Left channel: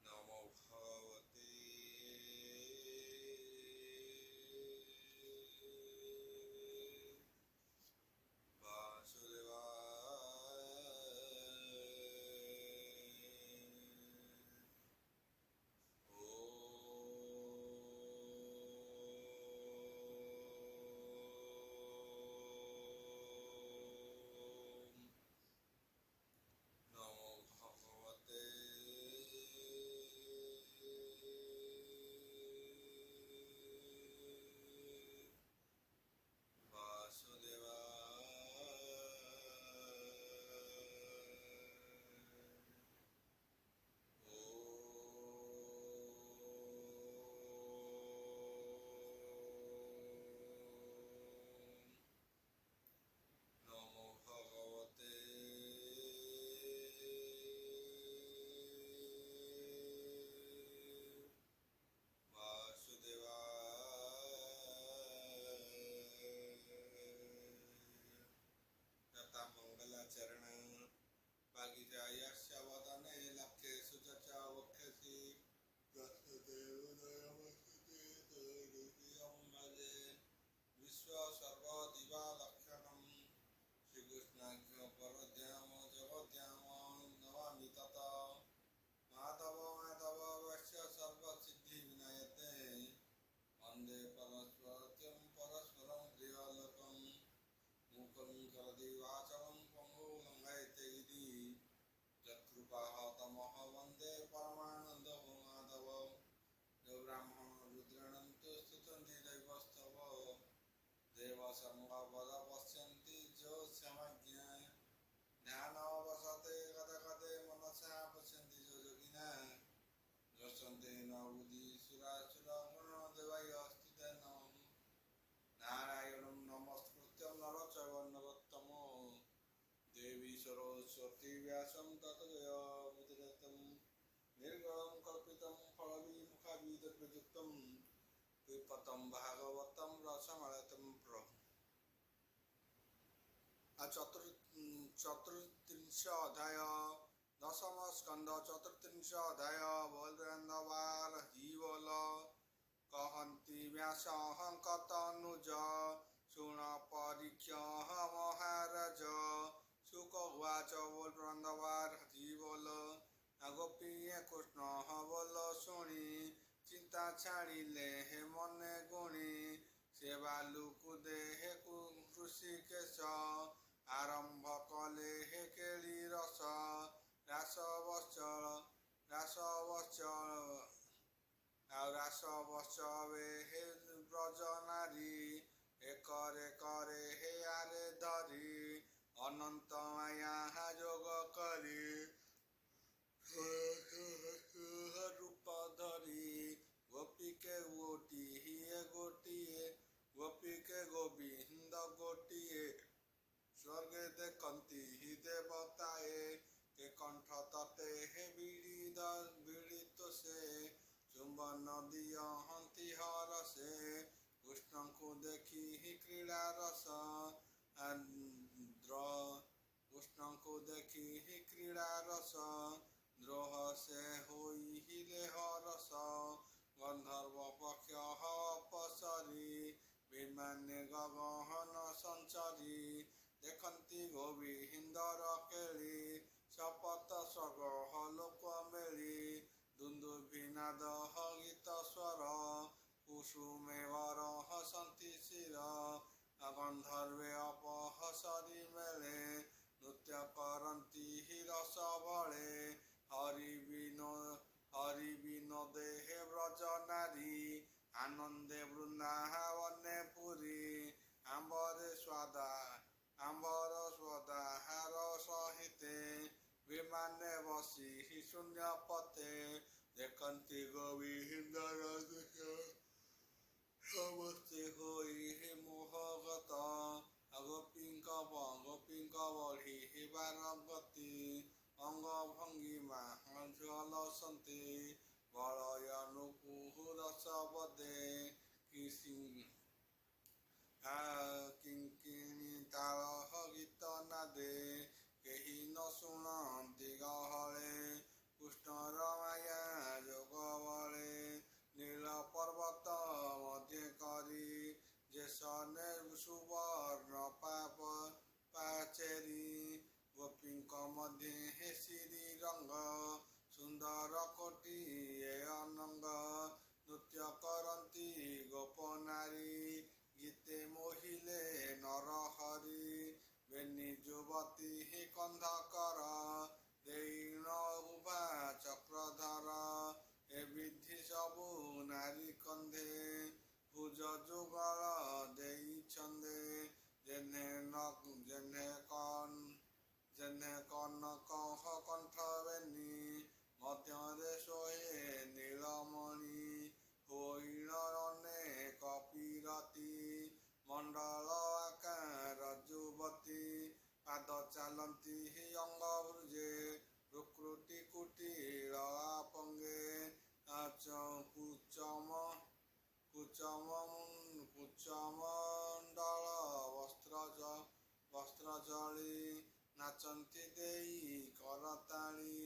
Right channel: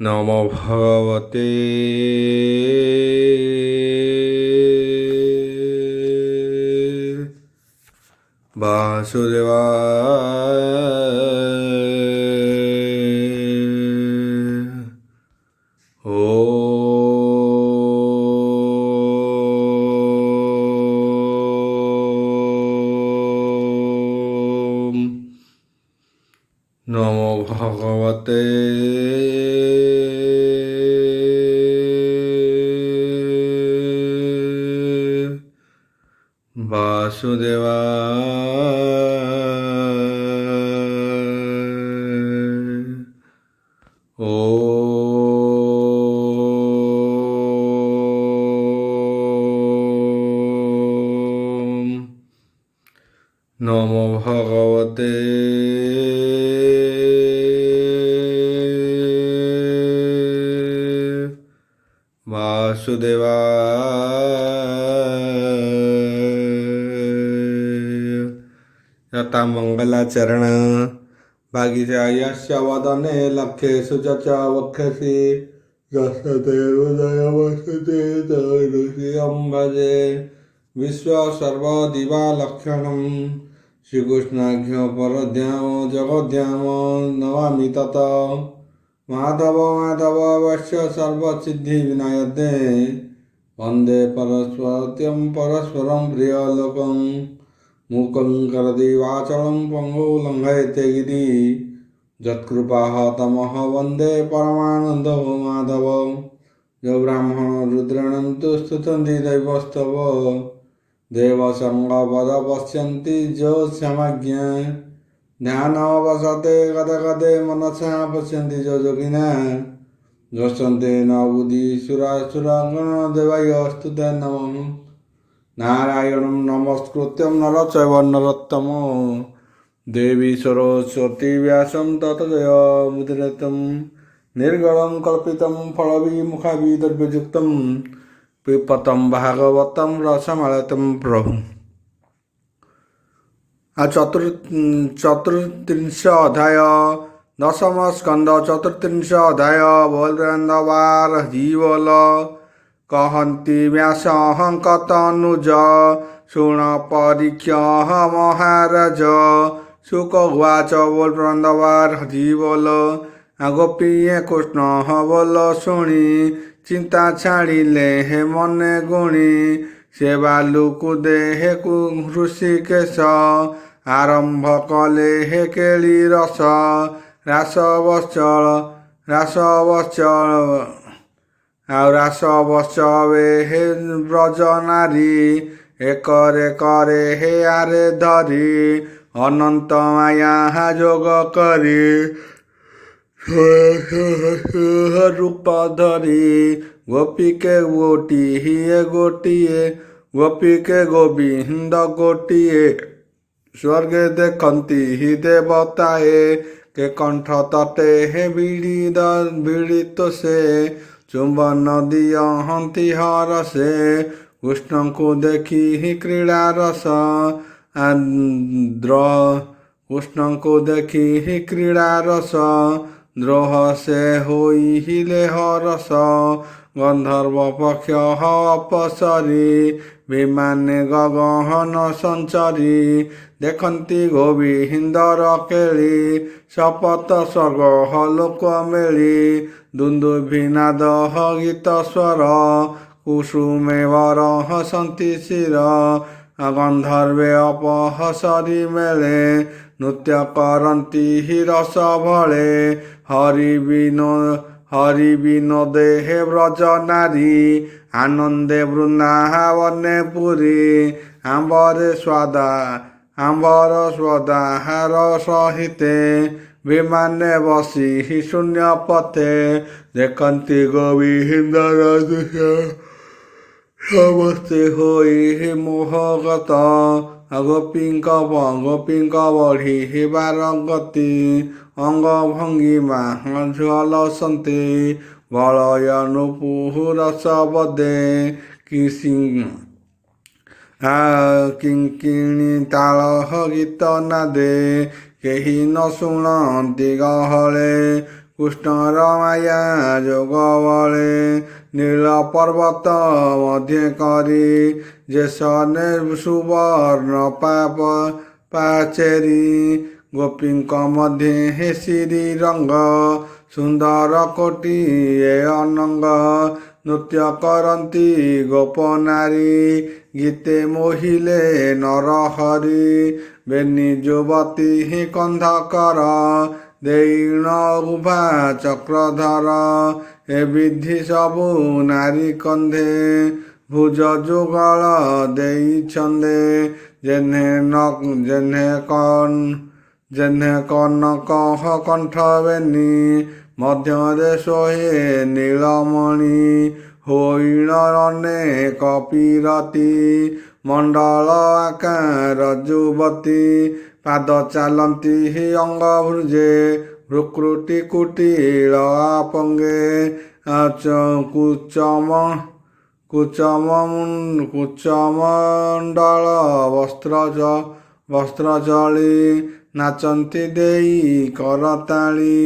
নমো ভগবতে বাসুদেবায়। নমো ভগবতে বাসুদেবায়। নমো ভগবতে বাসুদেবায়। यथा मंगलाचरण भागीशायस्य वदने लक्ष्येषु च वक्षसि यस्य हृदय वसते तरुषियं भजे विश्वसर्वदिवालक्षणं श्रीकृष्णाख्य परध्याम जगद्धाम नमामि तत् माधव माधवस्य सर्वसिद्धिविनायते वन्दे परस्परं परस्परं प्रियलोकं मूकं करोति वाचालं पङ्गुं लङ्घयते गिरि यत्कृपाः तमः वन्दे परमानन्दो माधव यो ब्राह्मण रुद्राणां तु स्तुतन्ति दैवस्तव देवसङ्गपद पश्यन्ति जो क्षमज्ञ ध्यानवसते गदे गदे मनसा पश्यन्ति जो योगिना द्रष्टन्ते न बुद्धिसुरासुरगणदेवाय स्तुते नमः नारायणं नमस्कृत्यं नरं चैव नरोत्तमं देवी सरस्वती व्यासं ततो जयमुदीरयं निर्गलं कल्पितं फलविमुखाभिर्युक्तं पिबतं भागवतं रसमालयं प्रभु। चतुर्त्रिंश अध्याय दशम स्कंद चतुर्त्रिंश अध्याय बोलवार जीवल कहन्ति व्यासं कतनुज शुण परीक्ष्य महाराज शुक उवाच बोल वृंदवार जीवल गोपीये कृष्ण बोल शुणी चिंता छाड़िले हे मने गुणी से बालुकु देहे ऋषिकेश आरंभ कले हे केली रस रासवश्चल रासवश्चवे हे ब्रज नारी एकरे करे हे आरे धरी अनंत माया जोग करी रूप धरी गोपी के गोटी हिए गोटिए गोपी के गोविंद गोटिए स्वर्ग देखती ही देवताए के कंठ तटे हे बीड़ित से चुंबन दियहंती हर से कृष्ण को देखी ही क्रीड़ा रस कृष्ण को देखी ही क्रीड़ा रस द्रोह से होई हिले हरस गंधर्व पक्ष अपसरी विमाने गगन संचरी देखती गोविंदर केली शपथ स्वर्ग लोक मेली दुंदुभिनाद गीत स्वर कुसुमे वर हसंती शिर गंधर्वे अपहसरी मेले नृत्य करती ही रस भले हरि विनोदे हे ब्रज नारी आनंदे वृंदावने पुरी आंबर स्वादाहार सहिते विमाने बसी ही शून्य पथे देखती गोविंदर दृश्य ସମସ୍ତେ ହୋଇ ମୋହଗତ ଗୋପୀଙ୍କ ବଢ଼ି ହେବାର ଗତି ଅଙ୍ଗ ଭଙ୍ଗିମା ଝଲସନ୍ତି ବଳୟନୁପୁରସ ବଦେ କିଙ୍କିଣୀ ତାଳ ଗୀତ ନାଦେ କେହି ନ ଶୁଣନ୍ତି ଗହଳେ କୃଷ୍ଣର ମାୟା ଯୋଗ ବଳେ ନୀଳ ପର୍ବତ ମଧ୍ୟ କରି ଯେସନେ ସୁବର୍ଣ୍ଣ ପାଚେରୀ ଗୋପୀଙ୍କ ମଧ୍ୟ ହେ ଶ୍ରୀ ରଙ୍ଗ ସୁନ୍ଦର କୋଟିଏ ଅନଙ୍ଗ ନୃତ୍ୟ କରନ୍ତି ଗୋପ ନାରୀ ଗୀତେ ମୋହିଲେ ନରହରି ବେନି ଯୁବତୀ ହିଁ କନ୍ଧକର ଦେଇଣ ଉଭା ଚକ୍ରଧର ଏ ବିଧି ସବୁ ନାରୀ କନ୍ଧେ ଭୁଜ ଯୁଗଳ ଦେଇଛନ୍ଦେ ଯେହ୍ନେ କନକ କଣ୍ଠ ବେନି ମଧ୍ୟରେ ଶୋହେ ନୀଳମଣି ହୋଇଣ ଅନେକ ପୀରତି ମଣ୍ଡଳ ଆକାର ଯୁବତୀ ପାଦ ଚାଲନ୍ତି ଅଙ୍ଗ ଭୃଜେ ଭୃକୁଟି କୁଟିଳ ଆପଙ୍ଗେ କୁଚମଣ୍ଡଳ ବସ୍ତ୍ର ଚଳି ନାଚନ୍ତି ଦେଇ କରତାଳି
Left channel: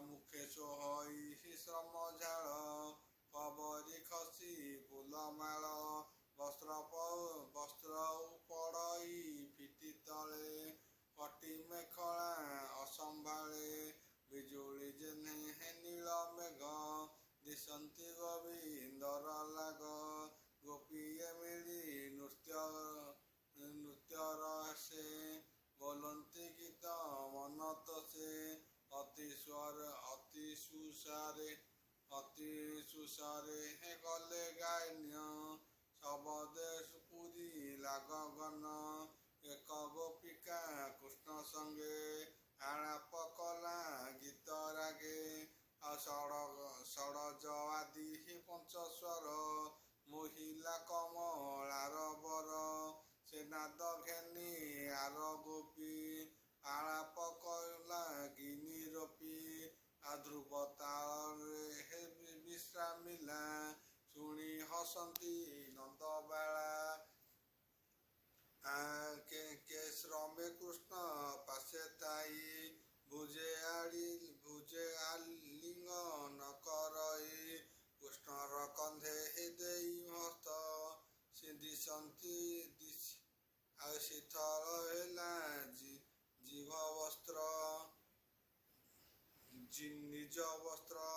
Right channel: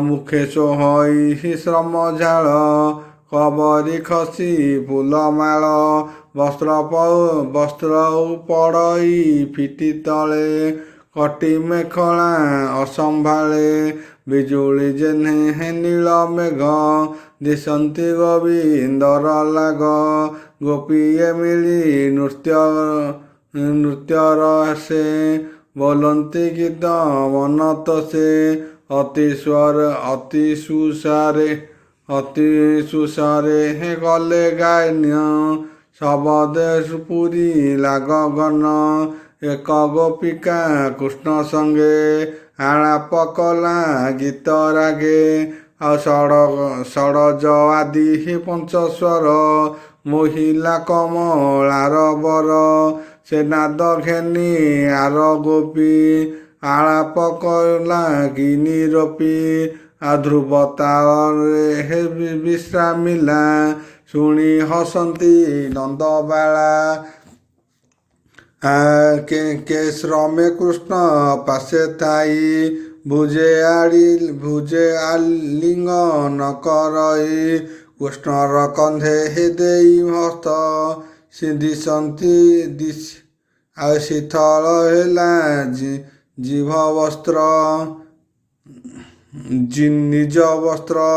ମୁଖେ ସୋହଇ ଶ୍ରମ ଝାଳ କବରୀ ଖସି ଫୁଲମାଳ ବସ୍ତ୍ର ପଡ଼ଇ ଫିଟି ତଳେ କଟି ମେଖଳା ଅସମ୍ଭାଳେ ବିଜୁଳି ଯେହ୍ନେ ନୀଳ ମେଘ ଦିଶନ୍ତି ଗୋବିନ୍ଦର ଲାଗ ଗୋପୀଏ ମିଳି ନୃତ୍ୟର ସେ ବୋଲନ୍ତି ଗୀତ ମନତ ସେ ଅତି ସୁସାରେ ହେ ଗଲେ ଗାୟନ ଶବଦେ ପୁରୀ ଲାଗଗନ ଏକ ଗୋପିକା କୃଷ୍ଣ ସଙ୍ଗେ ଆଳାପ କଲା ଗୀତ ରାଗେ ଆଉ ଷଡ଼ଜ ଆଦି ପଞ୍ଚସ୍ୱର ମୋହିଲା କମଳାର ବର ସେ ନାଦ ଘେନି ଆର ଗୋପୀ ଆଳାପ କଲା କି ନିରପି ଧ୍ରୁବ ତାଳରେ ବିଶ୍ରାମିଲା ଶୁଣି ହସନ୍ତି ନନ୍ଦବାଳା କେ ଶ୍ରମେ କୃଷ୍ଣ ପାଶେ ଥାଇ ଭୁଜେ ଆଲିଙ୍ଗନ କରଇ କୃଷ୍ଣର କନ୍ଧେ ଦେଇ ହସ୍ତ ଦିଶନ୍ତି ଆଉ ଶୀତଳ ହେଲା ନିଜ ବସ୍ତ୍ର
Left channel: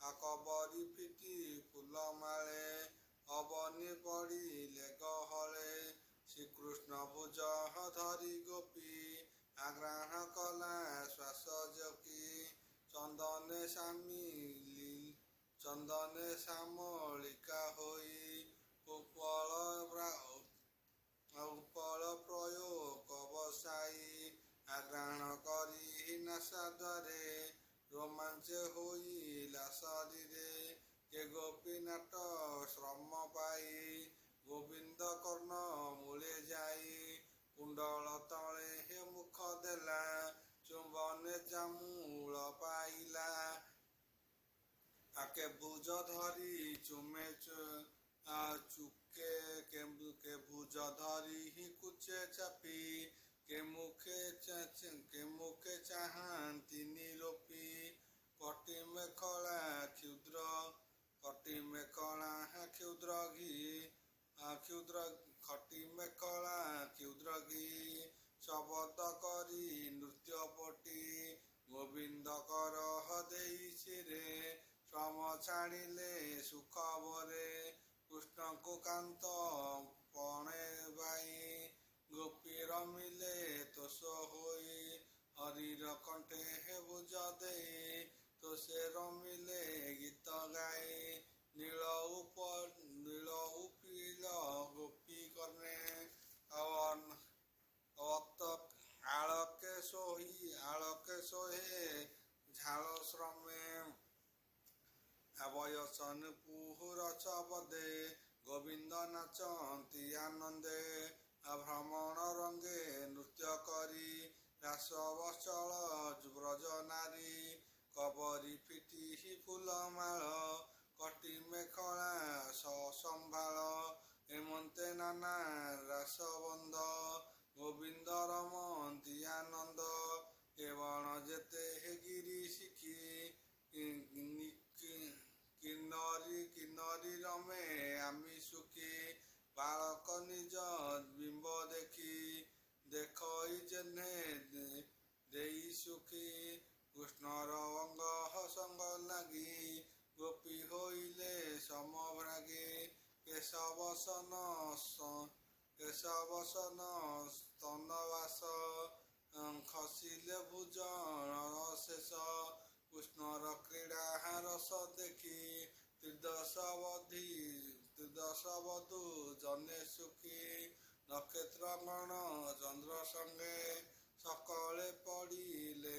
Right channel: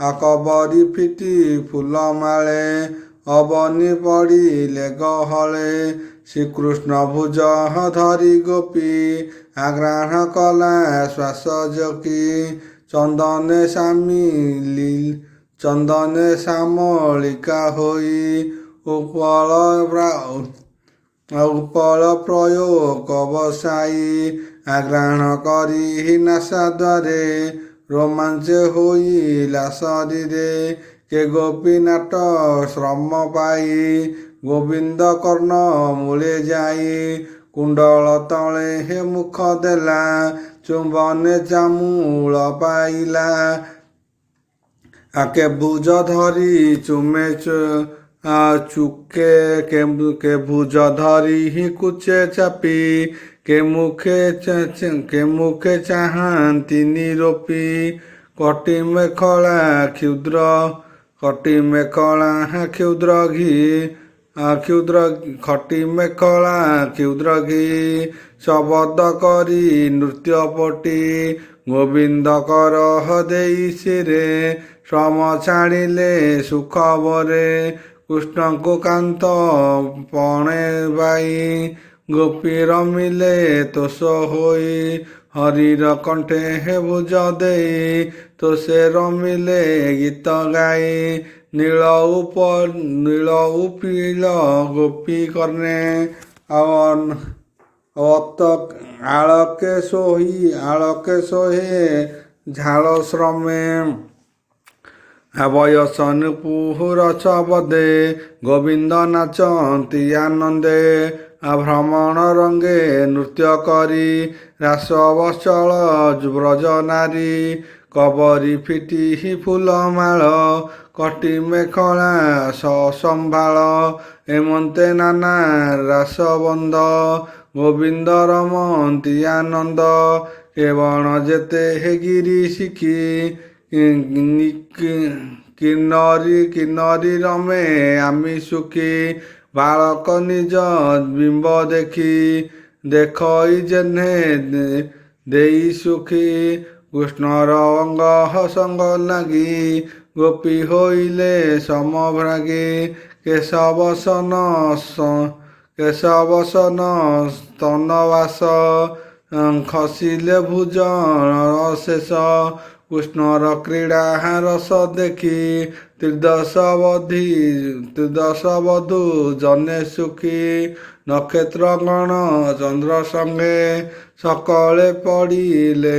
କବରୀ ଫିଟି ଫୁଲମାଳେ ଅବନି ପଡ଼ିଲେ ଗହଳେ ଶ୍ରୀକୃଷ୍ଣ ଭୁଜ ଧରି ଗୋପୀ ଆଗ୍ରାହ୍ଣ କଲା ଶ୍ୱାସ ଜକି ଚନ୍ଦନେ ସାମଳିକା ହୋଇ ଉପଳ ପ୍ରୟୋଗ ବସାଇ ଆଗ୍ରାହ୍ଣ କରି ନାସାଦ୍ୱାରେ ରୋମାଞ୍ଚ ହୋଇଲା ଶରୀରେ କେ ଗୋପୀ ନାଟ ଶ୍ରମ ପାଇ ଗୋବିନ୍ଦ କର୍ଣ୍ଣ ମୂଳେ ଯାଇ କୁଣ୍ଡଳ ତଳେ ହେ ମୁଖ ଦେଲା ଚୁମ୍ବନେ ଚାମୂଳ ପାଇଲା ଆକେ ଭୁଜ ଧରି ଚୁମେ କେ ଭୁଜ ଧରି ହିଁ କୁଚେ ଚାପି କେ ମୁଖେ ଚାହାନ୍ତି ନିରୋପି କଟି ମେଖଳା କ୍ଷୁଦ୍ର ଘି ଶବଦ କରି ନୃତ୍ୟପଟି ଗୋବିନ୍ଦ କର ଦେଇ ଶିରେ ଶ୍ରମ ଛାଡ଼ିଲେ ସୁଖ ବରେ କୃଷ୍ଣଙ୍କୁ କାନ୍ତ ପଣେ ବାଇ ଗୋପୀ ରମିଲେ ତୋଷ ହୋଇ ହରିର କଣ୍ଠେ ହେ ଭୁଜ ଦେଇ ତୋଷେ ରମିଲେ ଗୀତ ଗାଇ ନୀଳ ଉপিଳ ଗୋପୀ କର୍ଣ୍ଣେ ଆଳକେ ସୋହେ ଝାଳ ଶ୍ରମେ ବୟସ ନୂପୁର ଛବଦେ ଗୋବିନ୍ଦ ନାଚନ୍ତି ଆନନ୍ଦେ ଭ୍ରମଣ ରଙ୍ଗେ ନୃତ୍ୟ କରି ରାସ ବତ୍ସଳ ବ୍ରଜ ନାରୀ କବରୀ ଫିଟି ଫୁଲମାଳ କଟି ମେଖଳା ସମ୍ଭାଳ ଏମନ୍ତେ ନାନା ରାସବନ୍ଧ ଗୋବିନ୍ଦ ରମନ୍ତି ଆନନ୍ଦ କେବଳ ଯେତେ ଗିରି ଶିଖି କିନ୍ନରୀ ରମେ ଆମି ସୁଖୀ ବାଳକ ନିଜ ବିମ୍ବ ଦେଖଇ ଯେହ୍ନେ ଦେଇ ସୁଖୀ କୃଷ୍ଣର ଅଙ୍ଗ ସଙ୍ଗ ଲାଗି ଗୋପୀ ହୋଇଲେ ସମଭ୍ରାଗୀ କେଶବସନ ସ୍ତନବାସ ଖସିଲେ ଭୁଜନ ଶେଷ କୃଷ୍ଣର କ୍ରୀଡ଼ା ରସ ଦେଖି ତ୍ରିଦଶ ବଧୂ ଜନେ ସୁଖୀ ନକ୍ଷତ୍ର ଗଣ ଚନ୍ଦ୍ର ସଙ୍ଗେ ସକଳେ ପଡ଼ିଲେ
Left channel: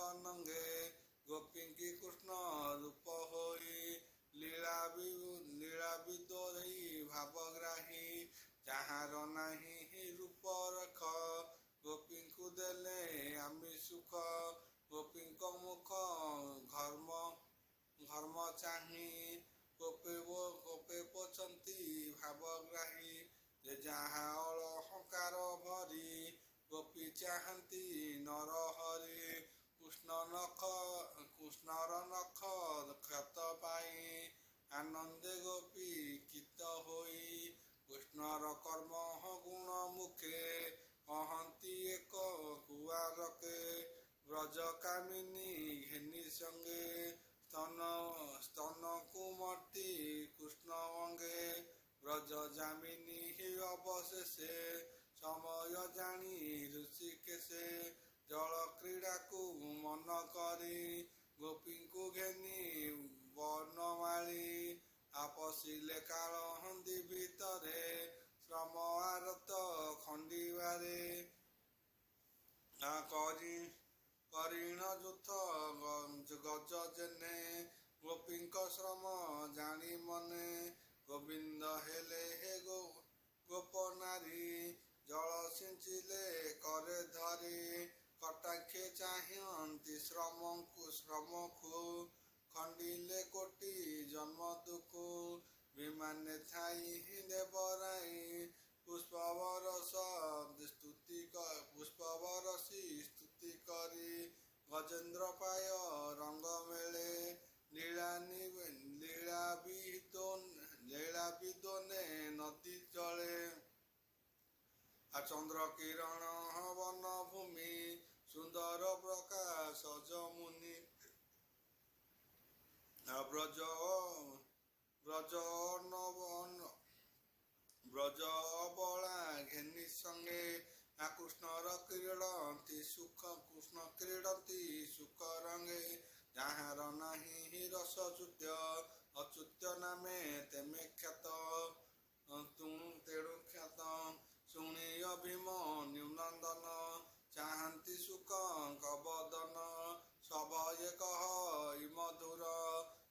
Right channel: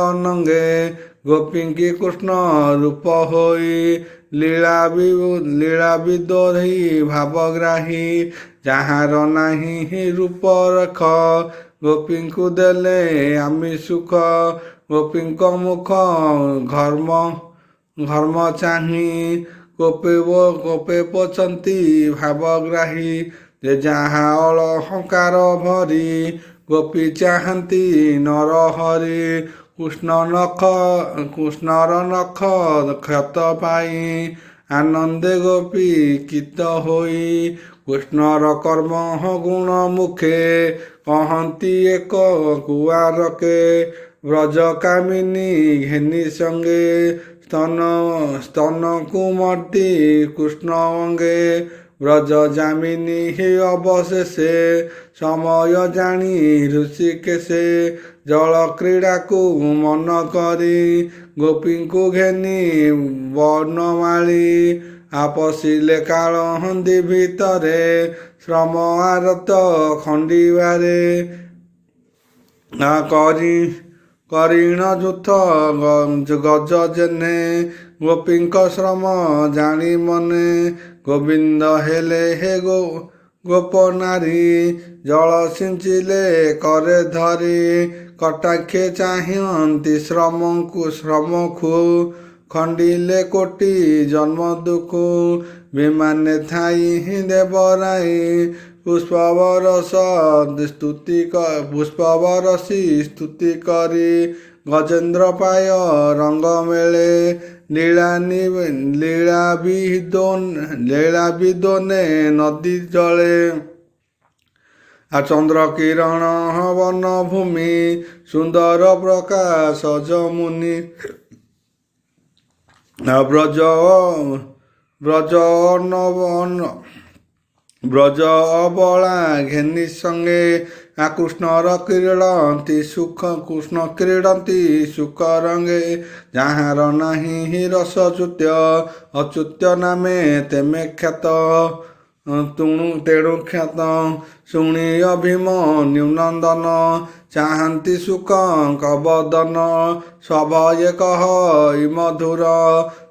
ଅନଙ୍ଗେ ଗୋପୀଙ୍କି କୃଷ୍ଣ ରୂପ ହୋଇ ଲୀଳା ବିଦୋହୀ ଭାବଗ୍ରାହୀ ଯାହାର ନାହିଁ ରୂପ ରେଖ ଗୋପୀଙ୍କୁ ଦେଲେ ଆମି ସୁଖ ଗୋପୀଙ୍କ ମୁଖ ଘର୍ମ ଚାହିଁ କୋପେ ପଛନ୍ତି ଭାବଗ୍ରାହୀ ଯେ ଯାହା ଅଳଙ୍କାର ଭରି ଗୋପୀ ଚାହାନ୍ତି ନରହରି କୃଷ୍ଣର ନଖ କ୍ଷତ ପାଇ ଆନନ୍ଦେ ଗୋପୀ କିତ ହୋଇ କୃଷ୍ଣର କର୍ମ ଗୁଣ ମୁଖେ କହନ୍ତି ଏକ କୁଆରକେ ବ୍ରଜ କାମିନୀ ଘେନି ସଙ୍ଗେ ସ୍ତନ କୁମତି କୃଷ୍ଣ ଅଙ୍ଗେ ବ୍ରଜ ଜାମିନୀ ଅବଶେଷେ ସମୟ ଜାଣି ଋଷିକେଶେ ଜଳ କ୍ରୀଡ଼ାକୁ ମନ କରି ଗୋପୀଙ୍କୁ ଘେନି ବନମାଳୀ ଆପସିଲେ କାଳହନ୍ଦି ଭିତରେ ଶ୍ରମ ଆରତ ଖଣ୍ଡିବାରେ କରିଣ ଯୁଥ ଗଜ ଯେହ୍ନେ ଗୋପୀଙ୍କ ଶ୍ରମ ଜାଣି ମନେ ଗୋବିନ୍ଦ ହେଲେ ଗୋପ ନାରୀ ଜଳ ସିଞ୍ଚିଲେ କରେ ଧରି କଟାକ୍ଷେ ଚାହିଁନ୍ତି ଶ୍ରମକୁ ଖଣ୍ଡିଲେ କୋଟି ଜନ୍ମ ଦୁଃଖ ବିମାନେ ଥାଇ ଦେବରାଇ ପୁଷ୍ପବରସି ସ୍ତୁତି କରି ଗଜେନ୍ଦ୍ର ପାୟ ରଙ୍ଗ ମେଳେ ଲୀଳା ବିଦୋନେ ନଦୀ ଜଳେ ଚନ୍ଦ୍ର କିରଣ ବନ ଭୂମି ସୁନ୍ଦର ପ୍ରକାଶ ଯମୁନି ବ୍ରଜ ଅବଳା ଘେନି ସଙ୍ଗେ କୃଷ୍ଣର କ୍ରୀଡ଼ନ୍ତି ସୁଖ ରଙ୍ଗେ ଯାହାର ନାହିଁ ରସଚ୍ୟୁତ ଅଚ୍ୟୁତ ନାମେ ତେମେ ଖ୍ୟାତ ତେଣୁ ଖ୍ୟାତ ଶୁଣି ଅଭିମନ୍ୟୁ ନନ୍ଦନ ଚାହାନ୍ତି ସୁଖଙ୍କ ବଦନ ସଭୟେ କହି ମଧୁର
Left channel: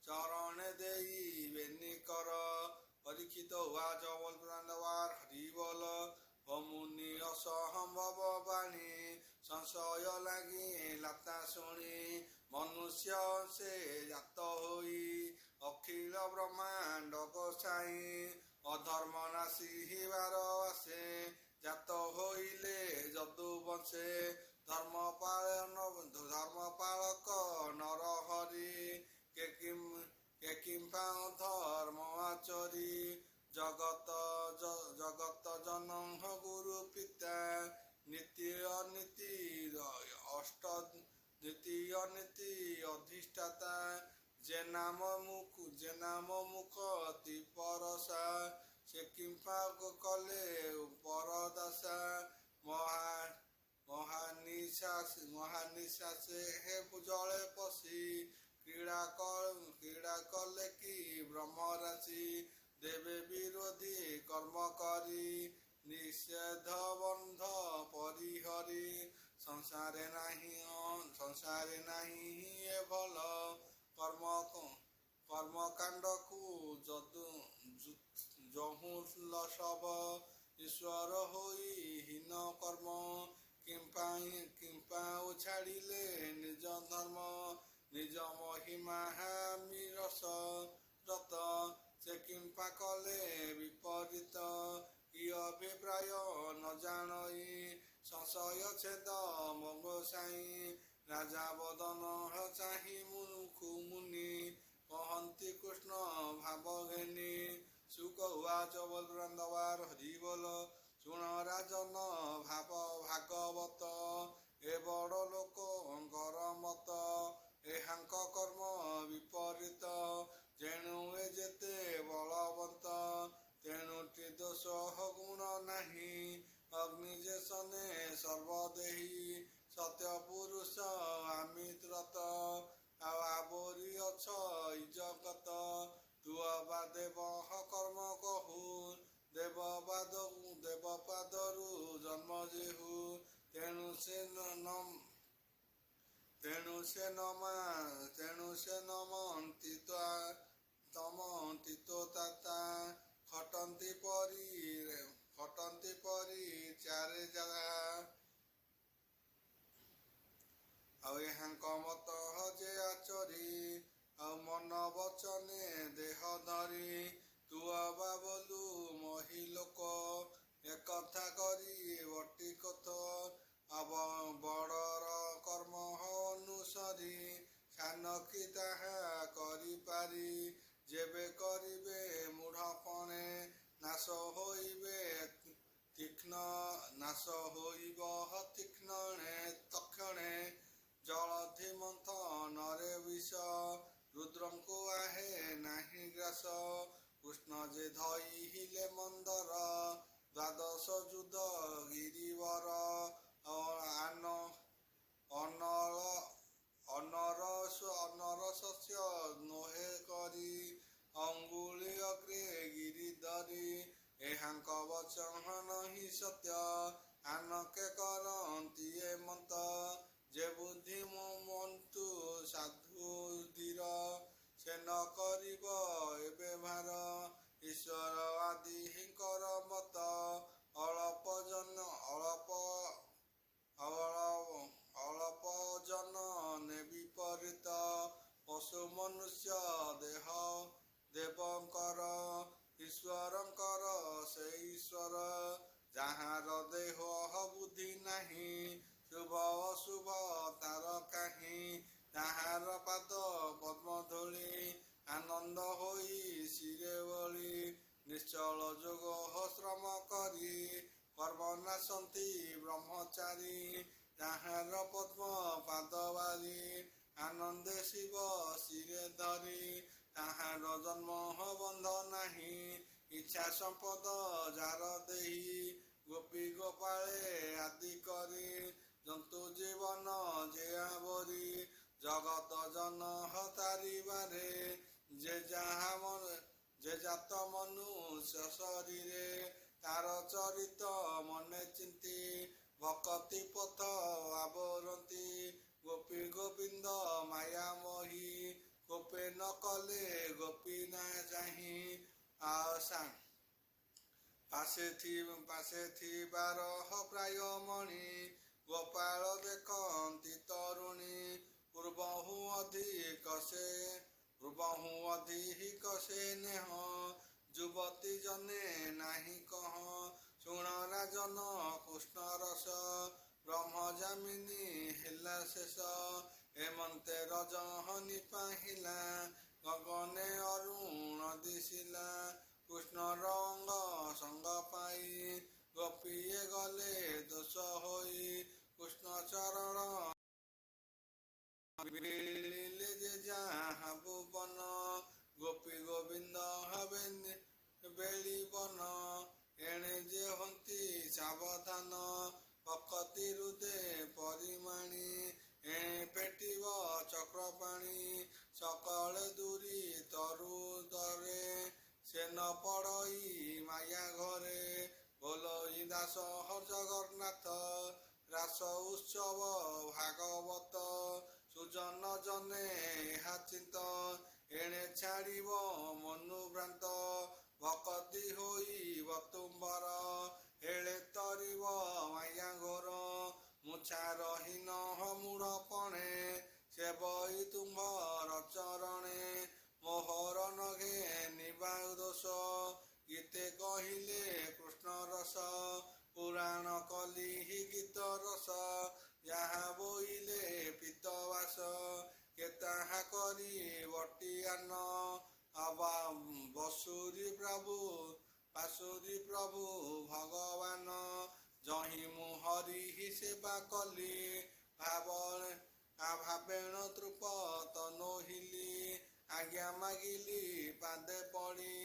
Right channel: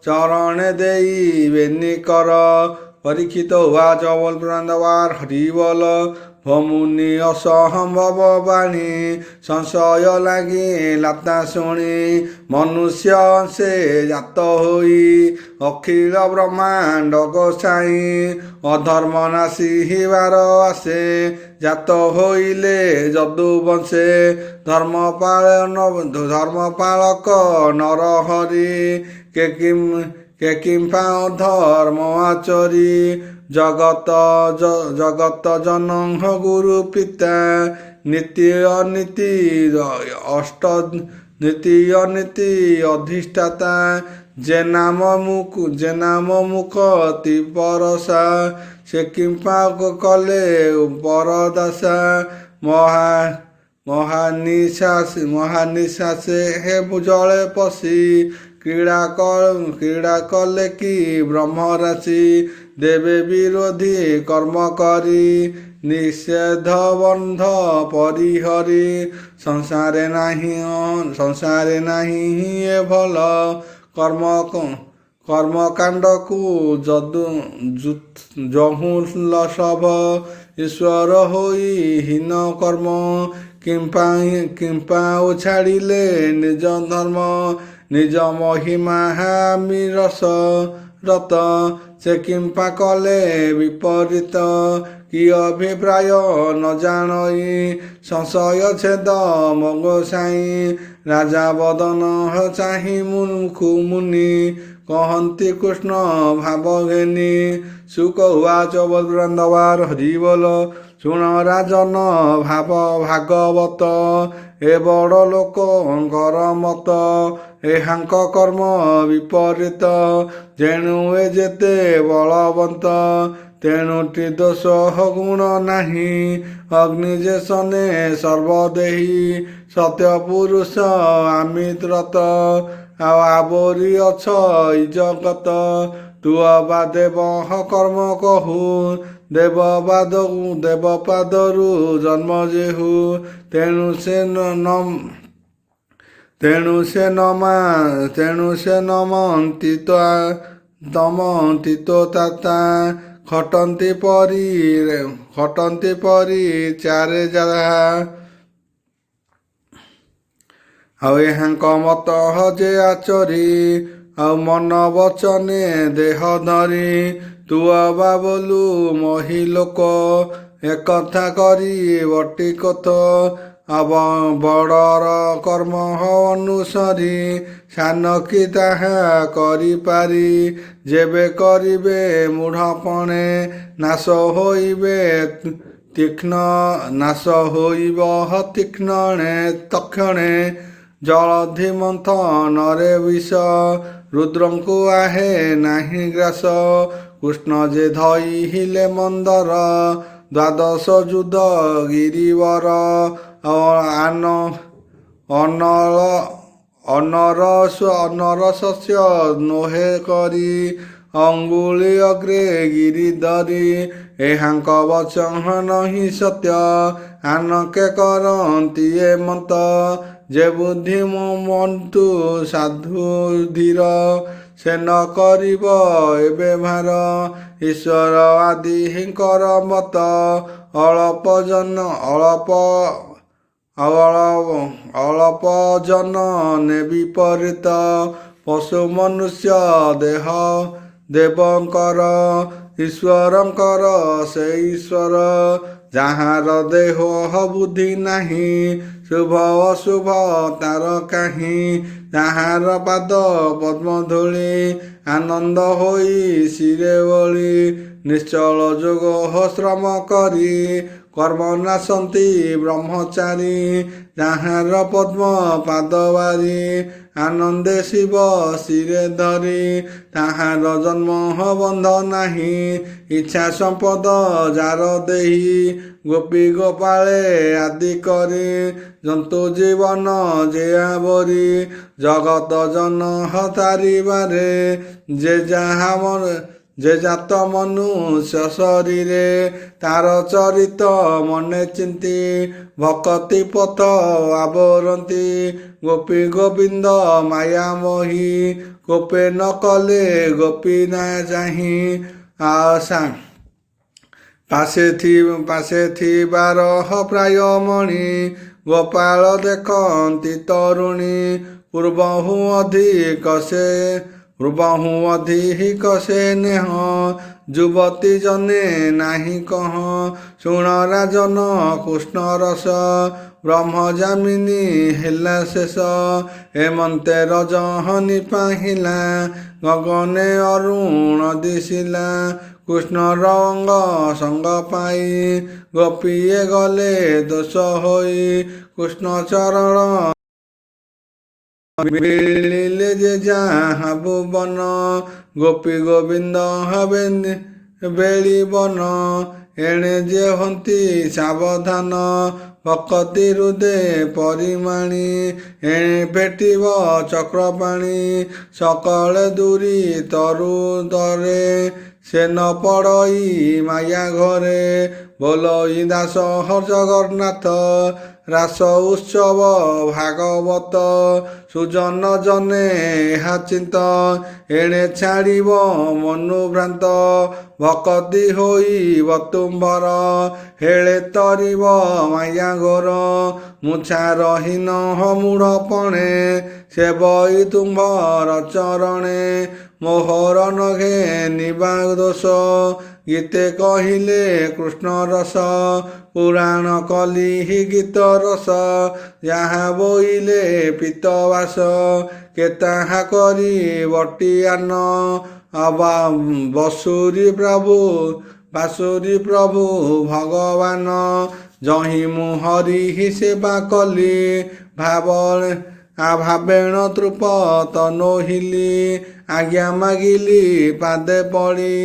ଚରଣେ ଦେଇ ବେନିକର ପରୀକ୍ଷିତ ଉବାଚ ବଲପୁରାନ୍ଦବାର ହରିବଲ ଭମୁନି ଅସମ୍ଭବ ବାଣୀ ସଂଶୟ ଲାଗି ଲାତା ଶୁଣି ମନୁଷ୍ୟ ସେ ଜାତ ହୋଇ ଅଖିଳ ବ୍ରହ୍ମାଣ୍ଡ ଗୋସାଇଁ ଅଧର୍ମ ନାଶିବାର ଆସେ ଜାତ ହୋଇଲେ ଯଦୁ ବଂଶେ ଧର୍ମପାଳକ ନରହରି କିମ୍ପା ଧର୍ମ ଆଚରି ଜଗତ ଜନଙ୍କ ଗୁରୁ ପିତା ନୀତି ଅନୀତି ଅଧିଷ୍ଠାତା ଯେ ନାମ ମୁଖତି ପରସା ସେ କିମ୍ପା କଲେ ପରଦାସା ମହାନିଶାସେ ହେ ଜଳେ ପଶି କ୍ରୀଡ଼ା କଲେ କି ବ୍ରହ୍ମରାଶି ଦେବେ ବିରୋଧୀ କର୍ମ କରି ନିଷେଧ ବନ୍ଧ ପରିହରି ସଂସାରେ ନାହିଁ ଏ ଭଲ କର୍ମକାଣ୍ଡକୁ ଯହୁଁ ଲସଭ ଈଶ୍ୱର ହୋଇ ହୀନ କର୍ମ କିମ୍ପା ଛାଡ଼ିଲେ ନିଜ ଧର୍ମ ନିଜ ମହିମା ହାମି ରତ ସେ କିମ୍ପା କଲେ ବିପରୀତ କି ଅଭିପ୍ରାୟ ନ ଜାଣଇ ସଂଶୟ ଛେଦ ମଗ ସାଇ ରାଜା ବଦନ ଚାହିଁ ମୁନି କହନ୍ତି କୃଷ୍ଣ ଭାବ ଘେନି ସୁକ ଉଚ ବୃନ୍ଦବାର ହରି ବୋଲ ଶୁଣ ରାଜନ ଭାଗବତ ଏ ବଡ଼ ଲୋକଙ୍କର ମତ ଏହାଙ୍କ କର୍ମ ବିପରୀତ ଯେଣୁ ଏ ଯେତେ ବଳବନ୍ତ ତେଣୁଟି ଦୋଷ ଗୁଣ ନାହିଁ ଅଗ୍ନି ଯେ ସନେ ସର୍ବଦେହି ସତ୍ୟ ପୁରୁଷ ଆମିତ୍ରତ ଆଉ ଆବରି ଅଛ ଇ ଜଗତ ତୁ ଅବା ଦେବ କର୍ମ କହୁ ଦେବପାଦରୁ ଜନ୍ମ ଯେହୁ ତେଣୁ ସେ ନମନ୍ତି ତମନ୍ତି ତାତା ଖଟନ୍ତି ପରି ଚାରେ ଯାହା ଆଉ ଏହାଙ୍କ ମତ ଯେ ଆଚରି ଆଉ ମନ ବଚନେ ଦେହ ଧରି ତୁ ଅବା ବୋଲୁ ମହି ଲୋକ ଏକଥା କରି ବଟି କଥ ବଡ଼ର କର୍ମ ଅନୁସରି ସାନ କି ତାହା କରିପାରି ଯେବେ କରିବେ ମୂଢ଼ପଣେ ନାଶ ହୋଇବ ତୀକ୍ଷ୍ଣଣେ ତକ୍ଷଣେ ଜଳଧି ମନ୍ଥନରେ ବିଷ ରୁଦ୍ରଙ୍କୁ ଆହେ ନାହିଁ ଗ୍ରାସ କୃଷ୍ଣ ଯେ ଧଇଲେ ମନ୍ଦର ଦ୍ୱାଦଶ ଯୁଦ୍ଧ ଗିରିବର ଅନର ଶସ୍ୟ ନୋହେ କରି ଅଙ୍ଗୁଳି ଅଗ୍ରେ ଗିରିଧରି ଏହାଙ୍କ ବଚନ ହିଁ ସତ୍ୟ ଆନକେ କରନ୍ତି ଏ ମତ ଯେ ବୁଦ୍ଧି ମନ୍ତୁ ସାଧୁ ଧୀର ସେ ନ କରିବ ଏବେ ଭାର ଈଶ୍ୱର ଆଦିଙ୍କର ମତ ଅଳପ ଜନ ନେ ବିପରୀତ ପଶୁ ମନୁଷ୍ୟ ଦେହ ଦେବଙ୍କର ଈଶ୍ୱରଙ୍କର ସେ ଈଶ୍ୱର ଯାହାର ଦେହ ବୁଦ୍ଧି ନାହିଁ ଶୁଭ ଅଶୁଭ ତାର କାହିଁ ତାହାର ପାଦ ପଦ୍ମ ଧୂଳି ଆନନ୍ଦ ହୋଇ ଶିରେ ବଳି ନିଶ୍ଚଳ ଯୋଗ ଶ୍ରମ କରି କର୍ମ ନାଶନ୍ତି ବ୍ରହ୍ମଚାରୀ ତାହାର ପଦ୍ମ ପାଦ ବାରି ଆନନ୍ଦେ ଶିବ ଶିରେ ଧରି ତାହାର ଜନ୍ମ ବନ୍ଧ ନାହିଁ ଇଚ୍ଛା ସମ୍ପଦ ଯାର ଦେହି ଗୋପୀ ଗୋପାଳେ ଆଦି କରି ଜନ୍ତୁ ଜୀବନ ଯେ ଆବରି ଜଗତ ଜନ ହତାରିବାରେ ଯେ ଜାତ ମନୁଷ୍ୟ ଶରୀରେ ତାର ଚରିତ ମନେ ଚିନ୍ତି ଭକତି ପଥ ଆବରନ୍ତି ଗୋପୀ ଗୋବିନ୍ଦ ମାୟାମୋହି କୋପେ ନ କଲେ ଗୋପୀ ନା ଚାହିଁ ଆଶା ପାଶେ ଥିବାର ପ୍ରାୟ ମଣି ଗୋପାଳ ଦେଖନ୍ତି ତରୁଣୀ ପୂର୍ବହୁ ଅଧିକ ସେ ନେହ ଯୁବତୀ ଜନେ ନାହିଁ କହ ଶୁଣ ରାଜନ କୃଷ୍ଣ ରସ ବ୍ରହ୍ମଜାମିନୀ ହେଲା ଶେଷ ଏମନ୍ତେ ରଜହନି ପାହିଲା ଗଗନେ ଅରୁଣ ଦିଶିଲା କୃଷ୍ଣ ରଙ୍ଗ ସଙ୍ଗ ପାଇ ଗୋପୀଏ ଗଲେ ଦୋଷ ହୋଇ କୃଷ୍ଣ ଚରଣ ମିଳିଲେ ଯେ ଯାହା ଭୁବନ ଗୋପୀ ଗୋବିନ୍ଦ ହେବେ ବେଳି ବନ ଏଣେ ଯେ ହନ୍ତି ସାବଧାନ ଭକତି ହୃଦେ ପରିମାଣି ଏଣେ ଭେଟିବ ଚକ୍ରପାଣି ସକଳେ ଦୂରି ତରୁ ଦରେ ସେ ନ ପଡ଼ଇ ମାୟା ଘରେ ବୋଲଇ ଦାସ ଜଗନ୍ନାଥ ରାସ ଉତ୍ସବ ଭାଗବତ ସୁଜନ ଜନେ ଏହା ଚିନ୍ତ ଏଣେ ଛାଡ଼ିବ ମନୁଭ୍ରାନ୍ତ ଭକତି ହୋଇବ ତୁମ୍ଭର ହେଳେ ତରିବ ମାୟା ଘୋର ମୁଛା ରହିନ ମୂଢ଼ପଣେ ସେବଇ ତୁମ୍ଭର ଚରଣେ ମୋହର ନଘେ ନିବା ଦୋଷ ଗୀତେ କହିଲେ କୃଷ୍ଣ ରସ ପୁରାଣ କଲି ଗୀତ ରସ ଯାହା ବୋଇଲେ ପିତବାସ କେତାହା କରି ବଟିଆନ ବସୁରୀ ପ୍ରଭୁ ଭଗବାନ ଯହିଁ ମୁଁ ହରି ସେବା କଲି ଭାବେଣ ତୃପତ ନୋହିଲି ଆଜ୍ଞା ମାଗିଲି ପାଦେ ପଡ଼ି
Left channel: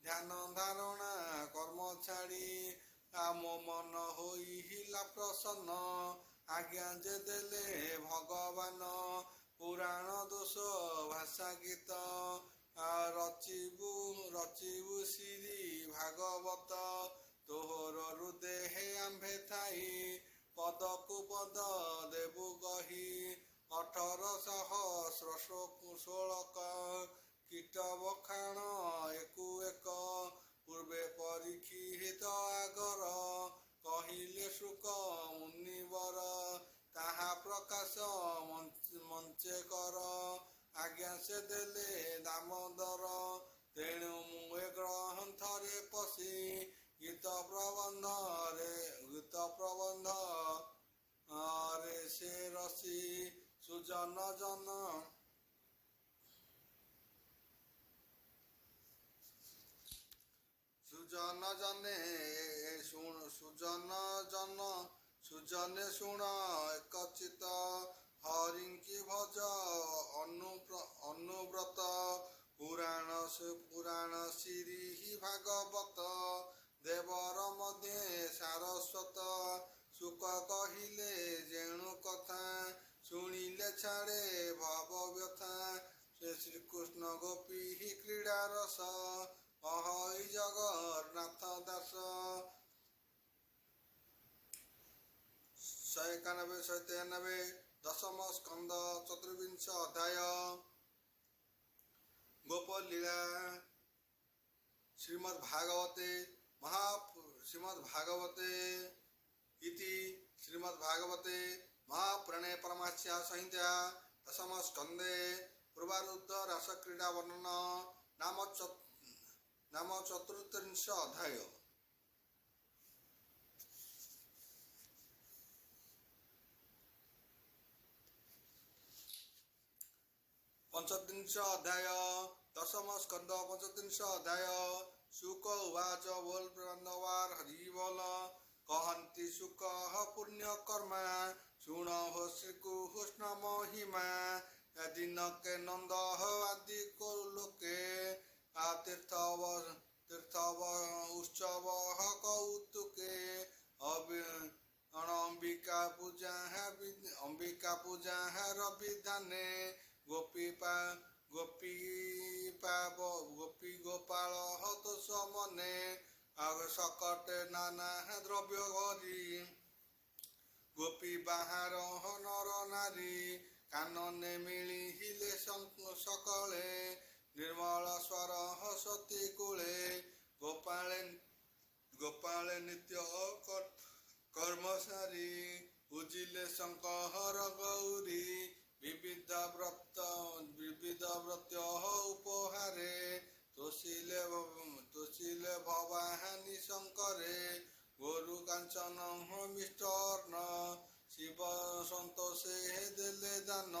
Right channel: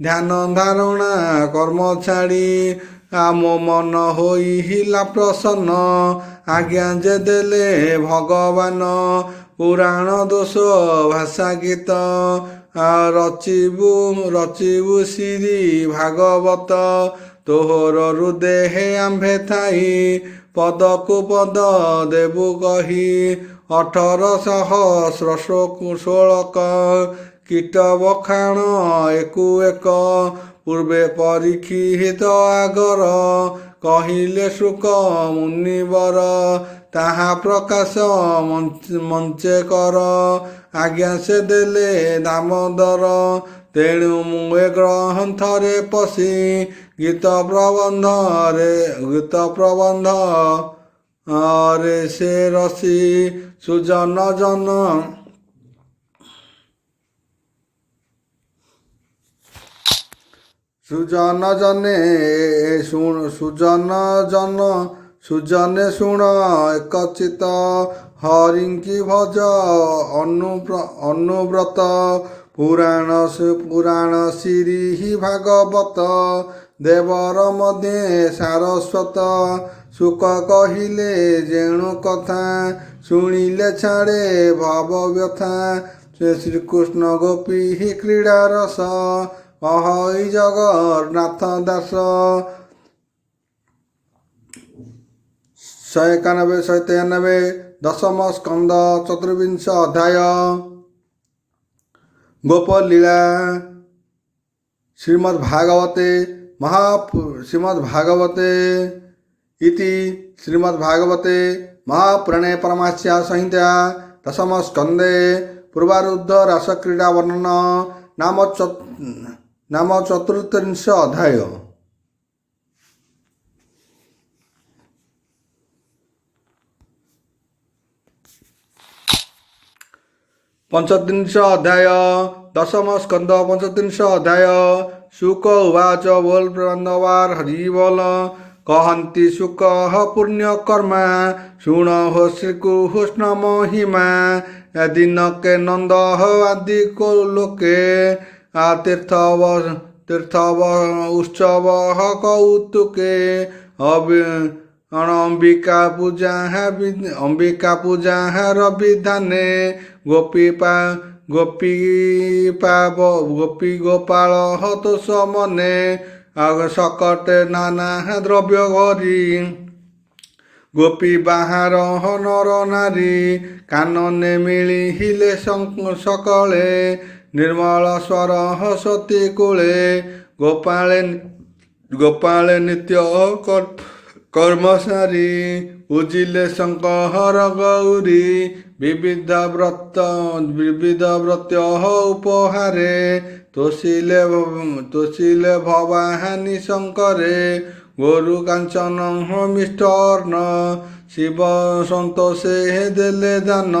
ଧ୍ୟାନ ଧାରଣା କର୍ମ ଛାଡ଼ି ମୋ ମନ ହୋଇଲା ପ୍ରସନ୍ନ ଆଜ୍ଞା ଯେ ଦେଲେ ଭଗବାନ ପୁରାଣ ଦୋଷ ଭାଷା ଗୀତ ରଚିବୁ ଶ୍ରୀ ଭାଗବତ ତୋହର ହୃଦେ ଆମ୍ଭେ ଥାଇ ପଦକୁ ପଦ ଦେବୁ କହି 1800 ଷୋଳକ କୀଟ ବଖାଣ ଏକୁ ଏକ ପୂର୍ବେ ପରୀକ୍ଷିତ ଆଗର କହିଲେ ଶୁକ ମୁନିବର ତାହା ପ୍ରକାଶ ମଞ୍ଚେ କର ଆଜ୍ଞା ସେ ଦେଲେ ଦାମୋଦର ତେଣୁ ମୁଁ ଏ ଗ୍ରନ୍ଥରେ ପଶି ଗୀତ ପ୍ରବନ୍ଧ ରେ ସେ ରସି ସୁଜନ ସୁଜନେ ଶୁଣ ଏକଚିତ ହରିଙ୍କି ଭଜ ଅନୁବ୍ରତ ପୁରାଣ ଶ୍ରୀ ଭାଗବତ ଦେବର ମଧ୍ୟେ ସାରସ୍ୱତ ସୁକ କହିଲେ ଯେଣୁ କଥା ଶୁଣିଲେ ଛାଡ଼େ ଭବ ବ୍ୟଥା ଶ୍ରୀକୃଷ୍ଣ ଗୋପୀ କ୍ରୀଡ଼ା ରସ ଅହଇ ଜଗନ୍ନାଥ ଦାସ 191 193 ଦଶମ ସ୍କନ୍ଦ ଚତୁର୍ବିଂଶ ଅଧ୍ୟାୟ ଗୋପଲୀଳା ଶ୍ରୀମଦ୍ଭାଗବତେ ଇତି ଶ୍ରୀମଦ୍ଭାଗବତେ ମହାପୁରାଣେ ପରମାସ୍ୟା ସଂହିତା ଦଶମ ସ୍କନ୍ଧେ ପୂର୍ବାରୁଦ୍ଧ ରାସକ୍ରୀଡ଼ା ବର୍ଣ୍ଣନ ନାମ ଚତୁର୍ତ୍ରିଂଶ ଅଧ୍ୟାୟ ପଞ୍ଚତ୍ରିଂଶ ଅଧ୍ୟାୟ ଦଶମ ସ୍କନ୍ଧ ପଞ୍ଚତ୍ରିଂଶ ଅଧ୍ୟାୟ ଶୁକ ଉବାଚ ବୋଲ ବାନ୍ଦବାର ହରି ବୋଲ କହନ୍ତି ଶୁକ ପୁଣ୍ୟ କର୍ମା ଶୁଣ ହୋ ଶ୍ରୀକୃଷ୍ଣ ମହିମା ଦିନକେ ନନ୍ଦ ଆଦି ଲୋକେ ତୀର୍ଥ ଉତ୍ସବ କୌତୁକେ ଅମ୍ବିକା ପୂଜାର ବିଧାନେ ଗୋପୀ ଗୋପାଳ ତୋଷ ମନେ ସକଟେ ନାନା ଦ୍ରବ୍ୟ ଘରି ଗୋପୀ ବାହାର ନର ନାରୀ କାନନେ ମିଳିଲେ ସକଳେ ନିର୍ମଳ ସ୍ୱର ସତୀ କୂଳେ ଗୋପାଳେ ନିତ୍ୟ କର୍ମସାରୀ ଉଜିଲେ ଶଙ୍କର ଗୌରୀ ବିବିଧ ବ୍ରତ ଉପହାରେ ତୋଷିଲେ ଭବାହାନି ଶଙ୍କରେ ଗୋରୁ କାଞ୍ଚନ ମିଷ୍ଟର୍ଣ୍ଣ ଶିବ ସନ୍ତୋଷେ ଦେଲେ ଦାନ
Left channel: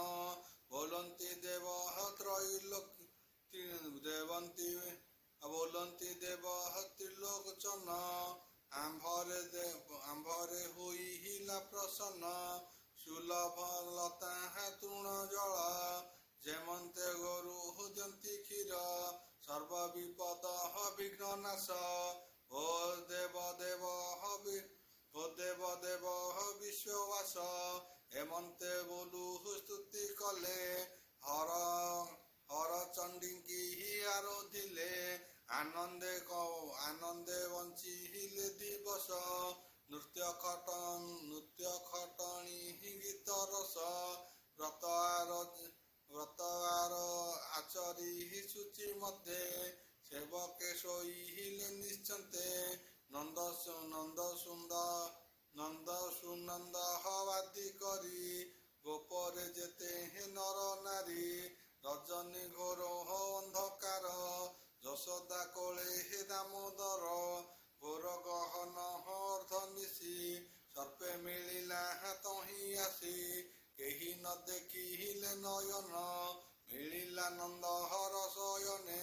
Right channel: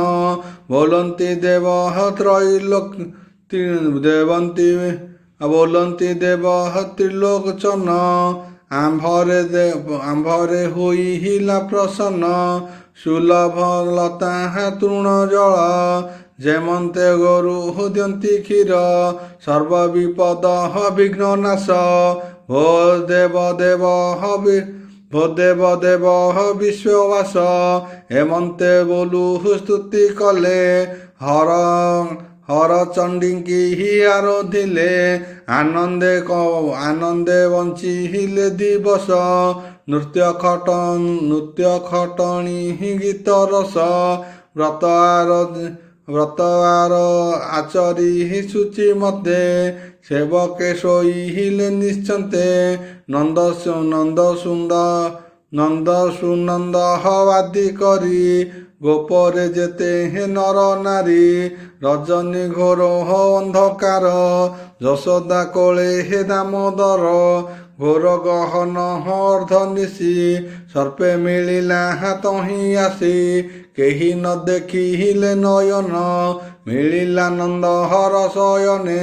ବୋଲନ୍ତି ଦେବ ତ୍ରିଲୋଚନ ଆମ୍ଭରେ ହୋଇଲା ପ୍ରସନ୍ନ ସୁଲଭ ଲତା ତୃଣ ଜଳ ଯେମନ୍ତେ ଗୋରୁ ଦିଅନ୍ତି କ୍ଷୀର ସର୍ବ ବିପଦ ବିଘ୍ନ ନାଶ ଭୋ ଦେବ ବିଶ୍ୱବାସ ଏମନ୍ତେ ବୋଲୁ ସ୍ତୁତି କଲେ ହରଚଣ୍ଡୀଙ୍କି ଆରାଧିଲେ ଆନନ୍ଦେ ବଞ୍ଚିଲେ ଦିବସ। ନୃତ୍ୟ ଖଟଣି ଗୀତ ରସ ବ୍ରତ ଆଚରି ସୂଚି ମତେ ସେବକେ ଶୋଇଲେ ନିଶ୍ଚନ୍ତେ ନନ୍ଦ ସୁନନ୍ଦ ହବାଦି କରି ଗୋପରେ ଯେତେ ନର ନାରୀ ରଜନୀ ଘୋର ଅନ୍ଧକାର ଯଶୋଦା କୋଳେ ହେ ଦାମୋଦର ଘୋର ଗହନ ଅର୍ଦ୍ଧନିଶି ସର୍ପେ ମିଳିଲା ତହିଁ ଆସି କେହି ନ ଦେଖିଲେ ନୟନ ମିଳିଲା ନନ୍ଦ ହର ଶୟନେ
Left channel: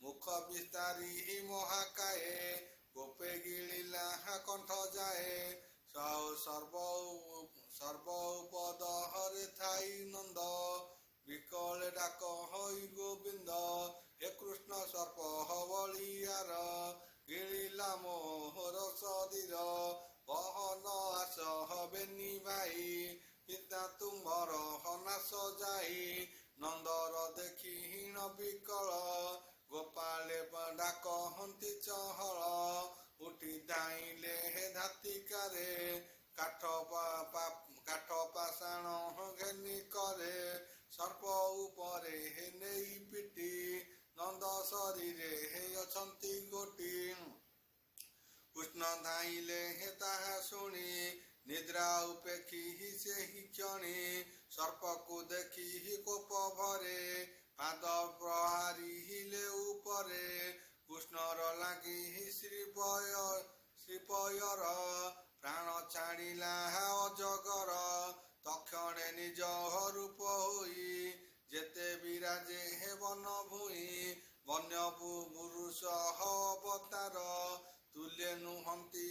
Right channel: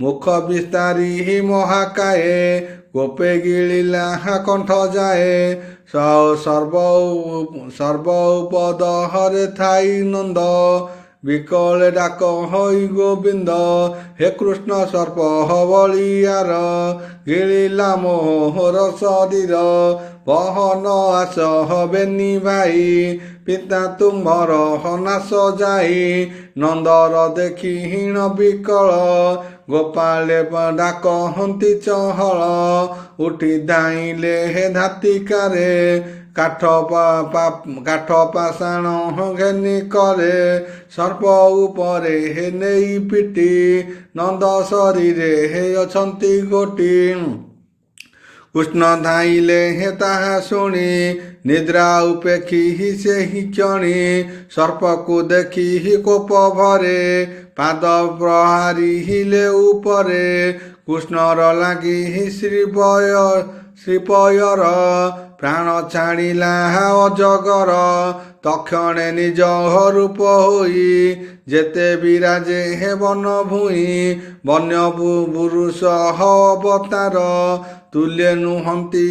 ମୁଖ ବିସ୍ତାରୀ ମହାକାଏ ଗୋପେ ଗିଳିଲା କଣ୍ଠ ଯାଏ ସର୍ବ ଉପଦହରେ ଥାଇ ନନ୍ଦ ବିକଳେ ଡାକ ହୋଇ ଗୋବିନ୍ଦ ହେ କୃଷ୍ଣ ସର୍ପ ବଳିୟାର ଗିଳିଲା ମୋହର ଶରୀର ବହନ ଆସ ହବେନି ଭାଇ ପିତା ତୁମର ନାଶ ଯାଇ ନନ୍ଦର ଦେଖି ହୀନ ବିକଳ ଗୋପାଳେ ଡାକ ହନ୍ତି ଚହଳ ଉଠି ଧାଇଁଲେ ହେ ଧାତିକାରେ କାଠ ପାଷାଣ ଘେନି କରେ ସର୍ପ ଉପରେ ହେ ନେଇ ପିଟି ନନ୍ଦ ଶରୀରେ ହେ ଅଛନ୍ତି ଗୋଟି କୃଷ୍ଣ ଧାଇଁଲେ ହେ ତାହା ଶୁଣି ନିଦ୍ରା ଉପେକ୍ଷି ସେହି କ୍ଷଣି ସର୍ପକୁ ଦେଖି କୋପ ଭରେ ପାଦ ପ୍ରହାରିଲେ ଉପରେ କୃଷ୍ଣର ଲାଗି ଶ୍ରୀପୟର ପ୍ରାଣ ଛାଡ଼ିଲା ଅଜଗର ତକ୍ଷଣେ ନିଜ ରୂପ ହୋଇ ଯେତେ ବିରାଜେ ହେ ବନ ଭୂଇଁ ବନ୍ୟ ପୁରୁଷ ଅବତାର ତୁଲେ ନୁହନ୍ତି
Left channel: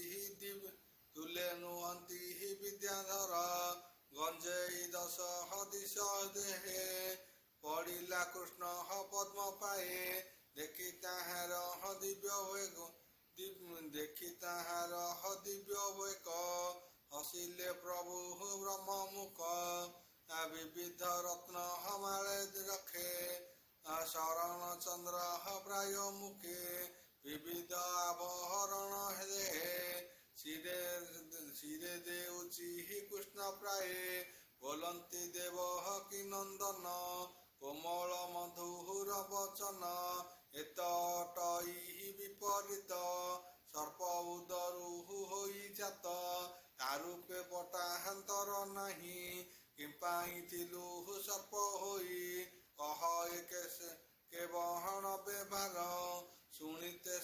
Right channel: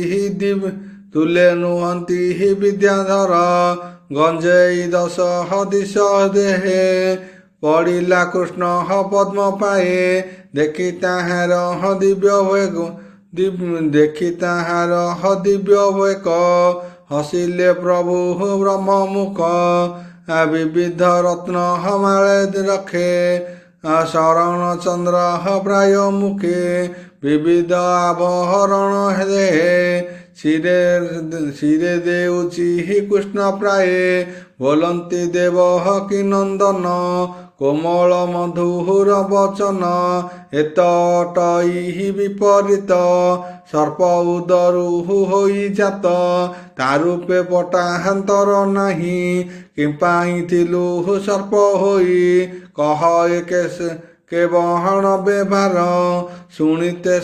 ବିଦ୍ୟାଧର ଗଞ୍ଜେଇ ଦଶ ଦିଶ ଦେହେ ପଡ଼ିଲା କୃଷ୍ଣ ପଦ୍ମ ପାଏ ଦେଖି ତାହାର ଦିବ୍ୟ ବେକ ହସିଲେ ପ୍ରଭୁ ବ୍ରହ୍ମମୁଖ ବିବିଧ ରତ୍ନ ମାଳେ ରଖେ ଶରଣ ଚନ୍ଦ୍ର ପ୍ରାୟ ମୁଖେ ବିବିଧ ଆଭରଣ ଦେହେ ଶିରେ ଦେଉଛି କୃଷ୍ଣ ପ୍ରାୟ ବୋଲନ୍ତି ଦେବ କି ନନ୍ଦନ କୋମଳ ମଧୁର ବଚନ ଏତଟଇ ବିପରୀତ ସର୍ପ ଉଦରୁ ହୋଇ ଜାତ ତାରୂପେ ପଟାନ୍ତର ନାହିଁ କିମ୍ପାଇଁ ଥିଲୁ ସର୍ପ ହୋଇ କହ କେ ବହଣ ବ୍ୟବହାର ଶୁଣିତେ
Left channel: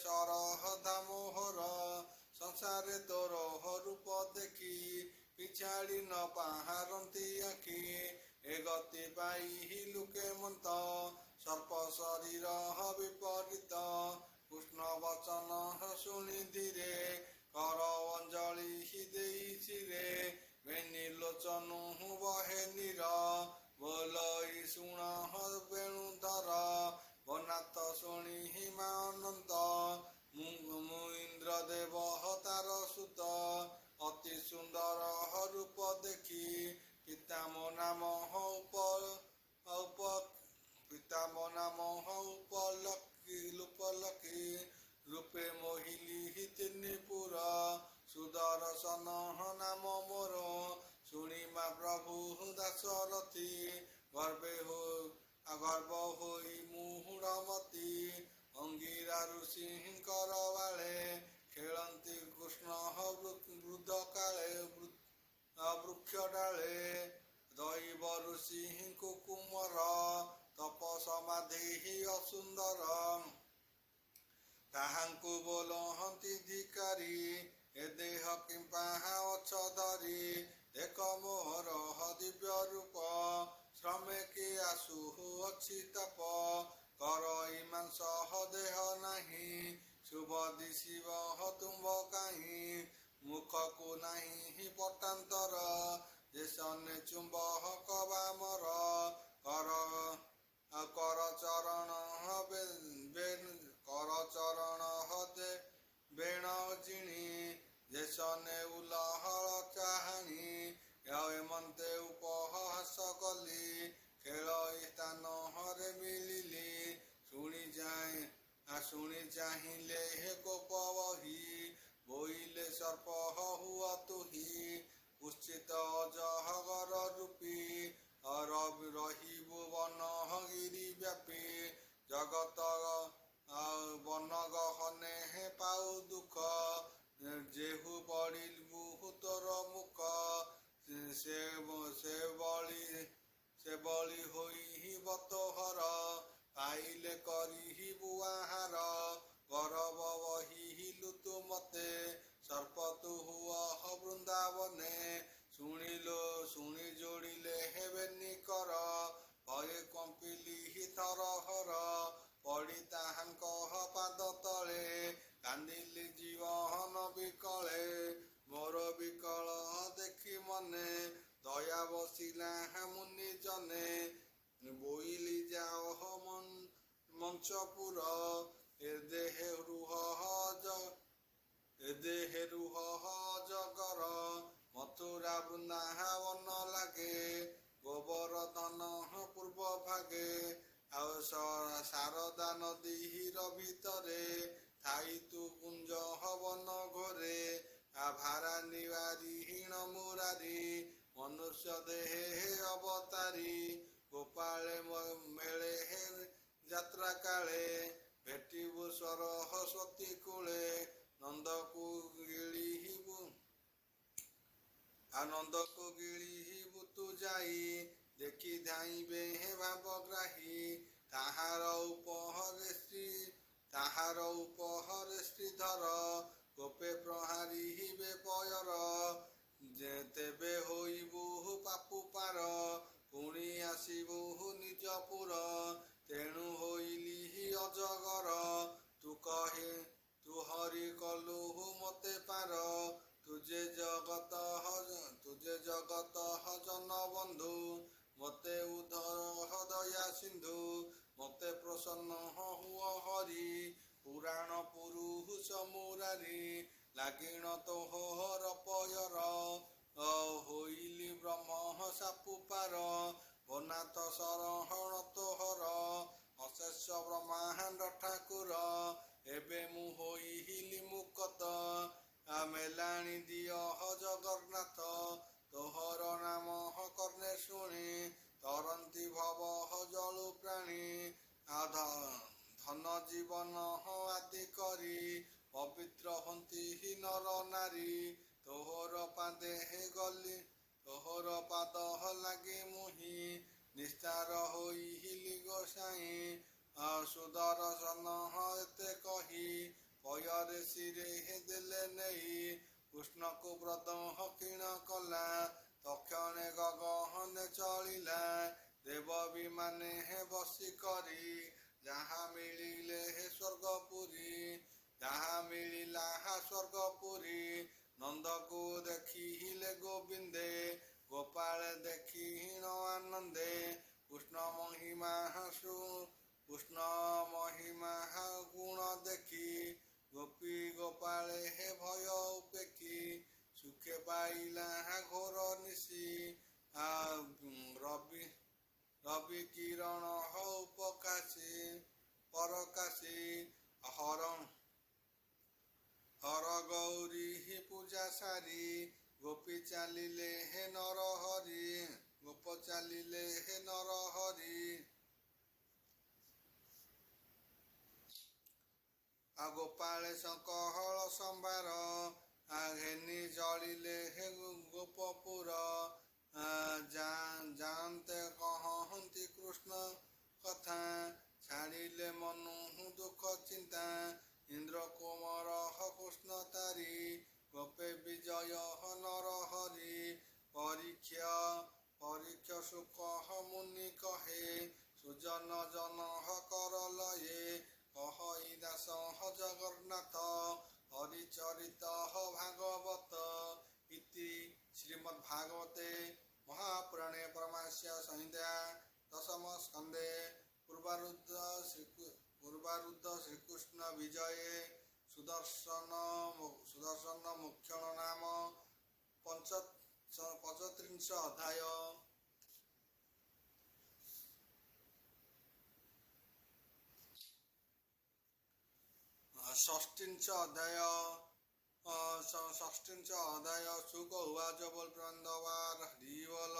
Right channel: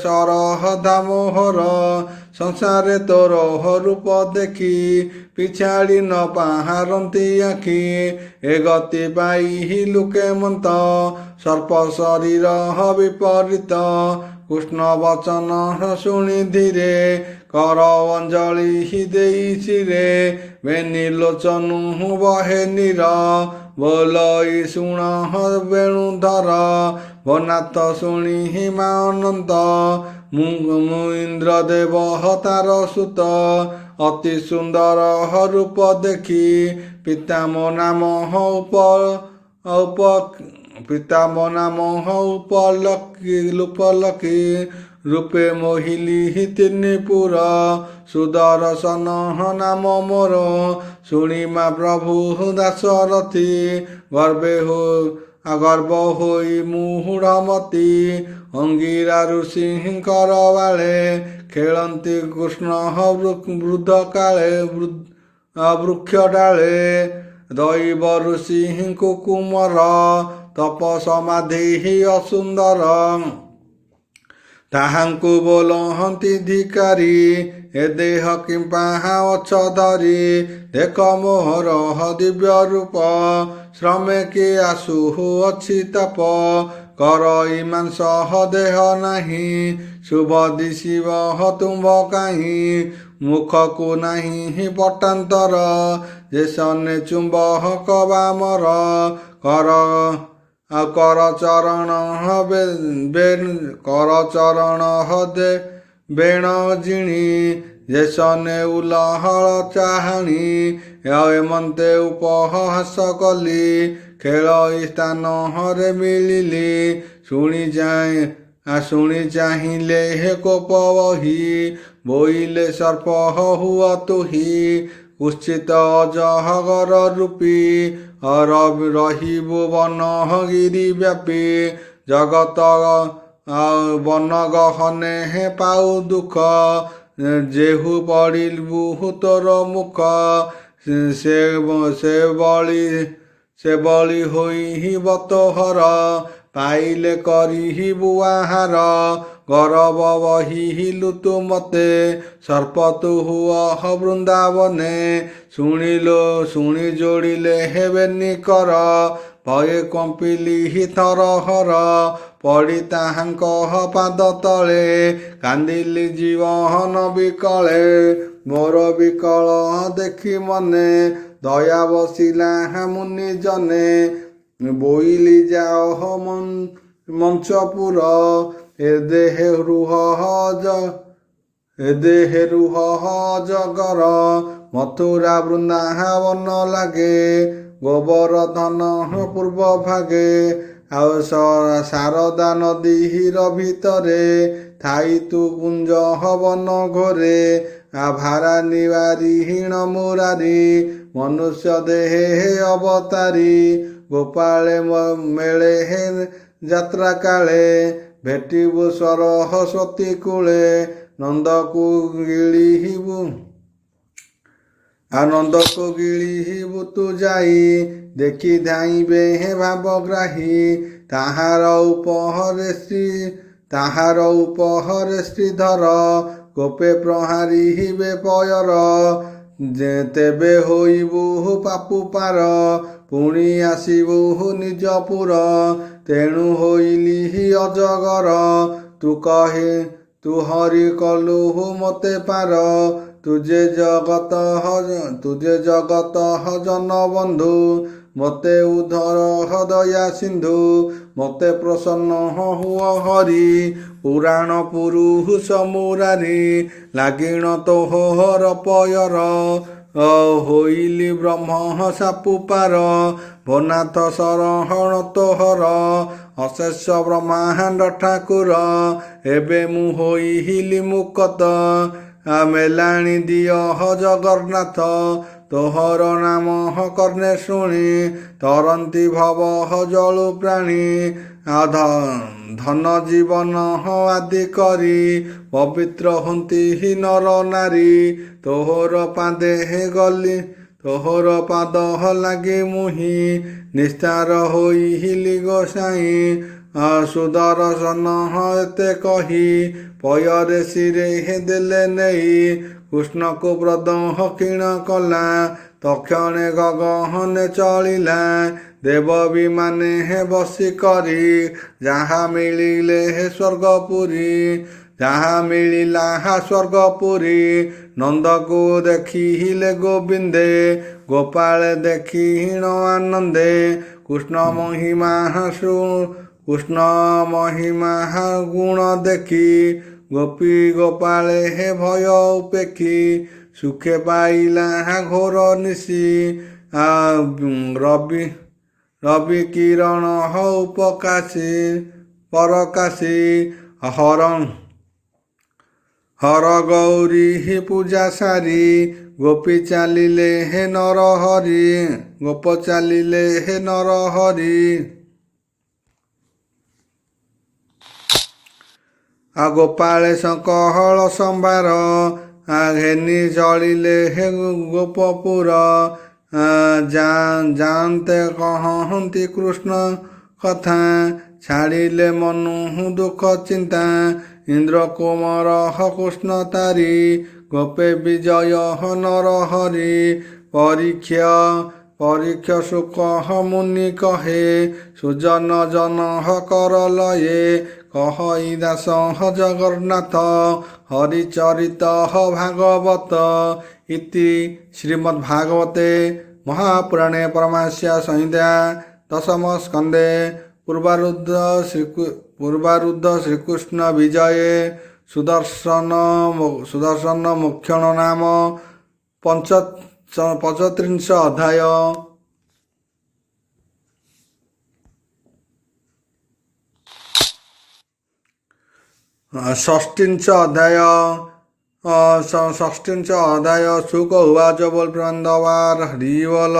ସରହ ଦାମୋହର ସଂସାରେ ତୋର ରୂପ ଦେଖି ପିଛାଡ଼ି ନ ପାହାରନ୍ତି ଆଖି ଏ ଗତି ପାଇ ଲୁକେ ମନ୍ତ ସର୍ପ ଶରୀର ବିପରୀତ କୃଷ୍ଣ ବଚନ ଶୁଣି ଧୀରେ କର ଅଞ୍ଜଳି ଦେଇ ଶିରେ ବେନି ଲୋଚନୁ ବହେ ନୀର ବୋଲଇ ଶୁଣ ବେଣୁଧର ବନାଥ ଶୁଣି ହିମା ଅନନ୍ତ ମୁଁ ଇନ୍ଦ୍ର ଦେବ ତାର ସୁତ ଅତି ସୁନ୍ଦର ରୂପ ଦେଖି ପିତାମ ନାମ ଉପଲକି ରୂପେ ମୋହିଲି ତିନିପୁର ସୁଦର୍ଶନ ନାମ ମୋର ଶୁଣିମା ପ୍ରଭୁ ଦାସରଥି ଗର୍ବ ହୋଇ ମୁହୁଡ଼ମତି ଅଙ୍ଗିରା ଋଷିଙ୍କର ବାଳେ ଖେଳନ୍ତି କୃଷ୍ଣ ବୃଦ୍ଧ କାଳେ ବୃକ୍ଷ ଡାଳେ ଦୈବ ଋଷିଙ୍କୁ କୁମର ତପ ସମାଧି ଅସୁନ୍ଦର ତାହାଙ୍କୁ ବୋଲହନ୍ତି ଧିକାରୀ ଏ ଦେହ କିମ୍ପା ଅଛ ଧରି ଦେଖ ମୋହର ଦିବ୍ୟ ରୂପ ଶ୍ରମେ କି ଆସୁ ଅଛି ତାପ କର ମାଂସ ଦେହ ନାହିଁ ଶୁଭ ଦିଶିବ ତୁମ୍ଭ କାହିଁ ମୁଖକୁ ନାହିଁ ପଟାନ୍ତର ଯେ ସନେ ଚୁମ୍ବକ ବାମର କର ଚରଣ ହଦେ ବେଣ ଜିଣି ଯେସନେ ଉଲହଳ ଚାହାଣି ଏମନ୍ତେ ଉପହାସ କଲି ଖେଳ ସ୍ଥାନ ହରେ ମିଳିଲି ଶୁଣି ଚାହିଁଲେ ହେ କୋପ ବହି ବୋଇଲେ ସର୍ପ ହୁଅ ତୁହି ଉଶ୍ଚିତ ଅଜଗର ରୂପୀ ରହିବୁ ବନ ଗିରି ବ୍ୟାପୀ ଜଗତ ବନ ଗହନେ ହେ ପାଉ ଦୁଃଖ ଯେହୁ ପଡ଼ିବୁ ତୋର ମୁଖ ସେ ବଳି ହୋଇବ ତୋହର ପାଇଲେ କରିବୁ ଆହାର ଗରବ ବହିଲୁ ତୁ ମତେ ସର୍ପ ତୁ ହୁଅ ବୃନ୍ଦାବନେ ଶୁଣି ଯୋଡ଼ିଲେ ହେବେନି କର ଭଏ କମ୍ପିଲି ଥରହର ପଡ଼ି ତାହାଙ୍କ ପାଦ ତଳେ କାନ୍ଦିଲି ଜୀବନ ବିକଳେ ମୋର ବିକଳ ଦେଖି ମନେ ଦୟା ବସିଲା ମୁନି ଜନେ ବୋଇଲି ଯାଅ ମଞ୍ଚପୁର ଏ ଦେହେ ରୁହ ଜଗର ମଥୁରା ବୃନ୍ଦାବନ ଲାଗେ ଗୋବର୍ଦ୍ଧନ ପୂର୍ବ ଭାଗେ ଆଉ ଶାରଦା ନଦୀ ହୀର ଭିତରେ ଥାଇ ତୁ କୁଞ୍ଜ ହବନ ଘୋରେ ଭାରା ନିବାରୀ ହୀଣ ମୁରାରୀ ମନୁଷ୍ୟ ଦେହେ ଅବତାରୀ ଗୋପାଳେ ମେଳେ ହେ ଯାତ୍ରା କାଳେ ଭେଟିବୁ ସରସ୍ୱତୀ କୂଳେ ନନ୍ଦକୁ ଗିଳିବୁ ତୁ ଯାଇ ଦେଖି ଧାଇଁବେ ହେ ଭାବଗ୍ରାହୀ ତାହାର ଉପହରେ ଶ୍ରୀଧର ଗୋପେ ପ୍ରହାରିବେ ପୟର ତେବେ ହୋଇବୁ ପାପୁ ପାର ପୁଣି ଆସିବୁ ନିଜପୁର ତେଣୁ ହୋଇଲି ଅଜଗର ତୁ ହରି କଲୁ ମତେ ପାର ତୁଜେ ଜଗତ ଜନ ବନ୍ଧୁ ମତେ ଉଦ୍ଧର ଦୟା ସିନ୍ଧୁ ମତେ ପ୍ରସନ୍ନ ହୁଅ ହରି ପୁରାଣ ପୁରୁଷ ମୁରାରୀ ଲାଗିଣ ତୋହର ପୟର ହୋଇଲି ବ୍ରହ୍ମ ସାପୁ ପାର ଭନାଥ ଶରହଣ ତୋହର ଅଶେଷ ବ୍ରହ୍ମାଣ୍ଡ ଠାକୁର ଏବେ ମୁଁ ହୋଇଲି ମୁକତ ମେଲାଣି ଦିଅ ଜଗନ୍ନାଥ ତୋହର ନାମ କର୍ଣ୍ଣେ ଶୁଣି ତରନ୍ତି ଭବ ଜଳୁ ପ୍ରାଣୀ ଧନ ଜୀବନ ଆଦି କରି ପବିତ୍ର ହୁଅନ୍ତି ନର ନାରୀ ତୋହର ପାଦ ଲାଗି ମୁହିଁ ନିସ୍ତାର ହୋଇଲି ଗୋସାଇଁ ସୁଦର୍ଶନ ଏତେ କହି ପୟରେ ଶିରେ ଦେଲେ ନେଇ କୃଷ୍ଣକୁ ପ୍ରଦକ୍ଷିଣ କଲା ତକ୍ଷଣେ ଗଗନେ ଚଳିଲା ଦେବ ବିମାନେ ବସି କରି ଯାହା ମିଳିଲା ସ୍ୱର୍ଗପୁରୀ ନନ୍ଦକୁ ଦେଖିଲେ ଗୋବିନ୍ଦେ ଗୋପାଳେ ଦେଖିଣ ଆନନ୍ଦେ କୃଷ୍ଣ ମହିମା ଗୁଣ ଦେଖି ଗୋପୀ ଗୋପାଳେ ଭୟ ଉପେକ୍ଷୀ ସୁଖେ ପାଇଲା ଘୋର ନିଶି ରବି କିରଣ ପରକାଶୀ ହର ଗୌରୀ ପୂଜା ସାରି ଗୋପୀ ଚାଲିଲେ ନର ହରି ଗୋପାଳେ କହଳ ସମ୍ଭାର ଘେନି ଚଳିଲେ ଗୋପପୁର ଯାଆନ୍ତେ କହନ୍ତି କୃଷ୍ଣ କଥା ଛାଡ଼ିଲେ ମନୁ ଦୁଃଖ ଚିନ୍ତା ଇନ୍ଦ୍ର କୁମାର କୃଷ୍ଣ ତାରି ଗୋପେ ବିଜୟ ନର ହରି ପରୀକ୍ଷ ଶୁକ ମୁନି କହେ ସୁଜନ ଜନ କର ଲଏ କହଇ ଦାସ ଜଗନ୍ନାଥ ହରିଚରିତ ଭାଗବତ ଇତି ଶ୍ରୀମଦ୍ଭାଗବତେ ମହାପୁରାଣେ ପରମାଂସ୍ୟା ସଂହିତା ଦଶମ ସ୍କନ୍ଧେ ପୂର୍ବାରୁଦ୍ଧ ଶ୍ରୀକୃଷ୍ଣ ବିଜये ସୁଦର୍ଶନ ମୋକ୍ଷଣ ନାମ 35 ଅଧ୍ୟାୟ। षष्ठींच अध्याय षष्ठींच अध्याय शुक उवाच बोल प्रबंधवार हरि बोल।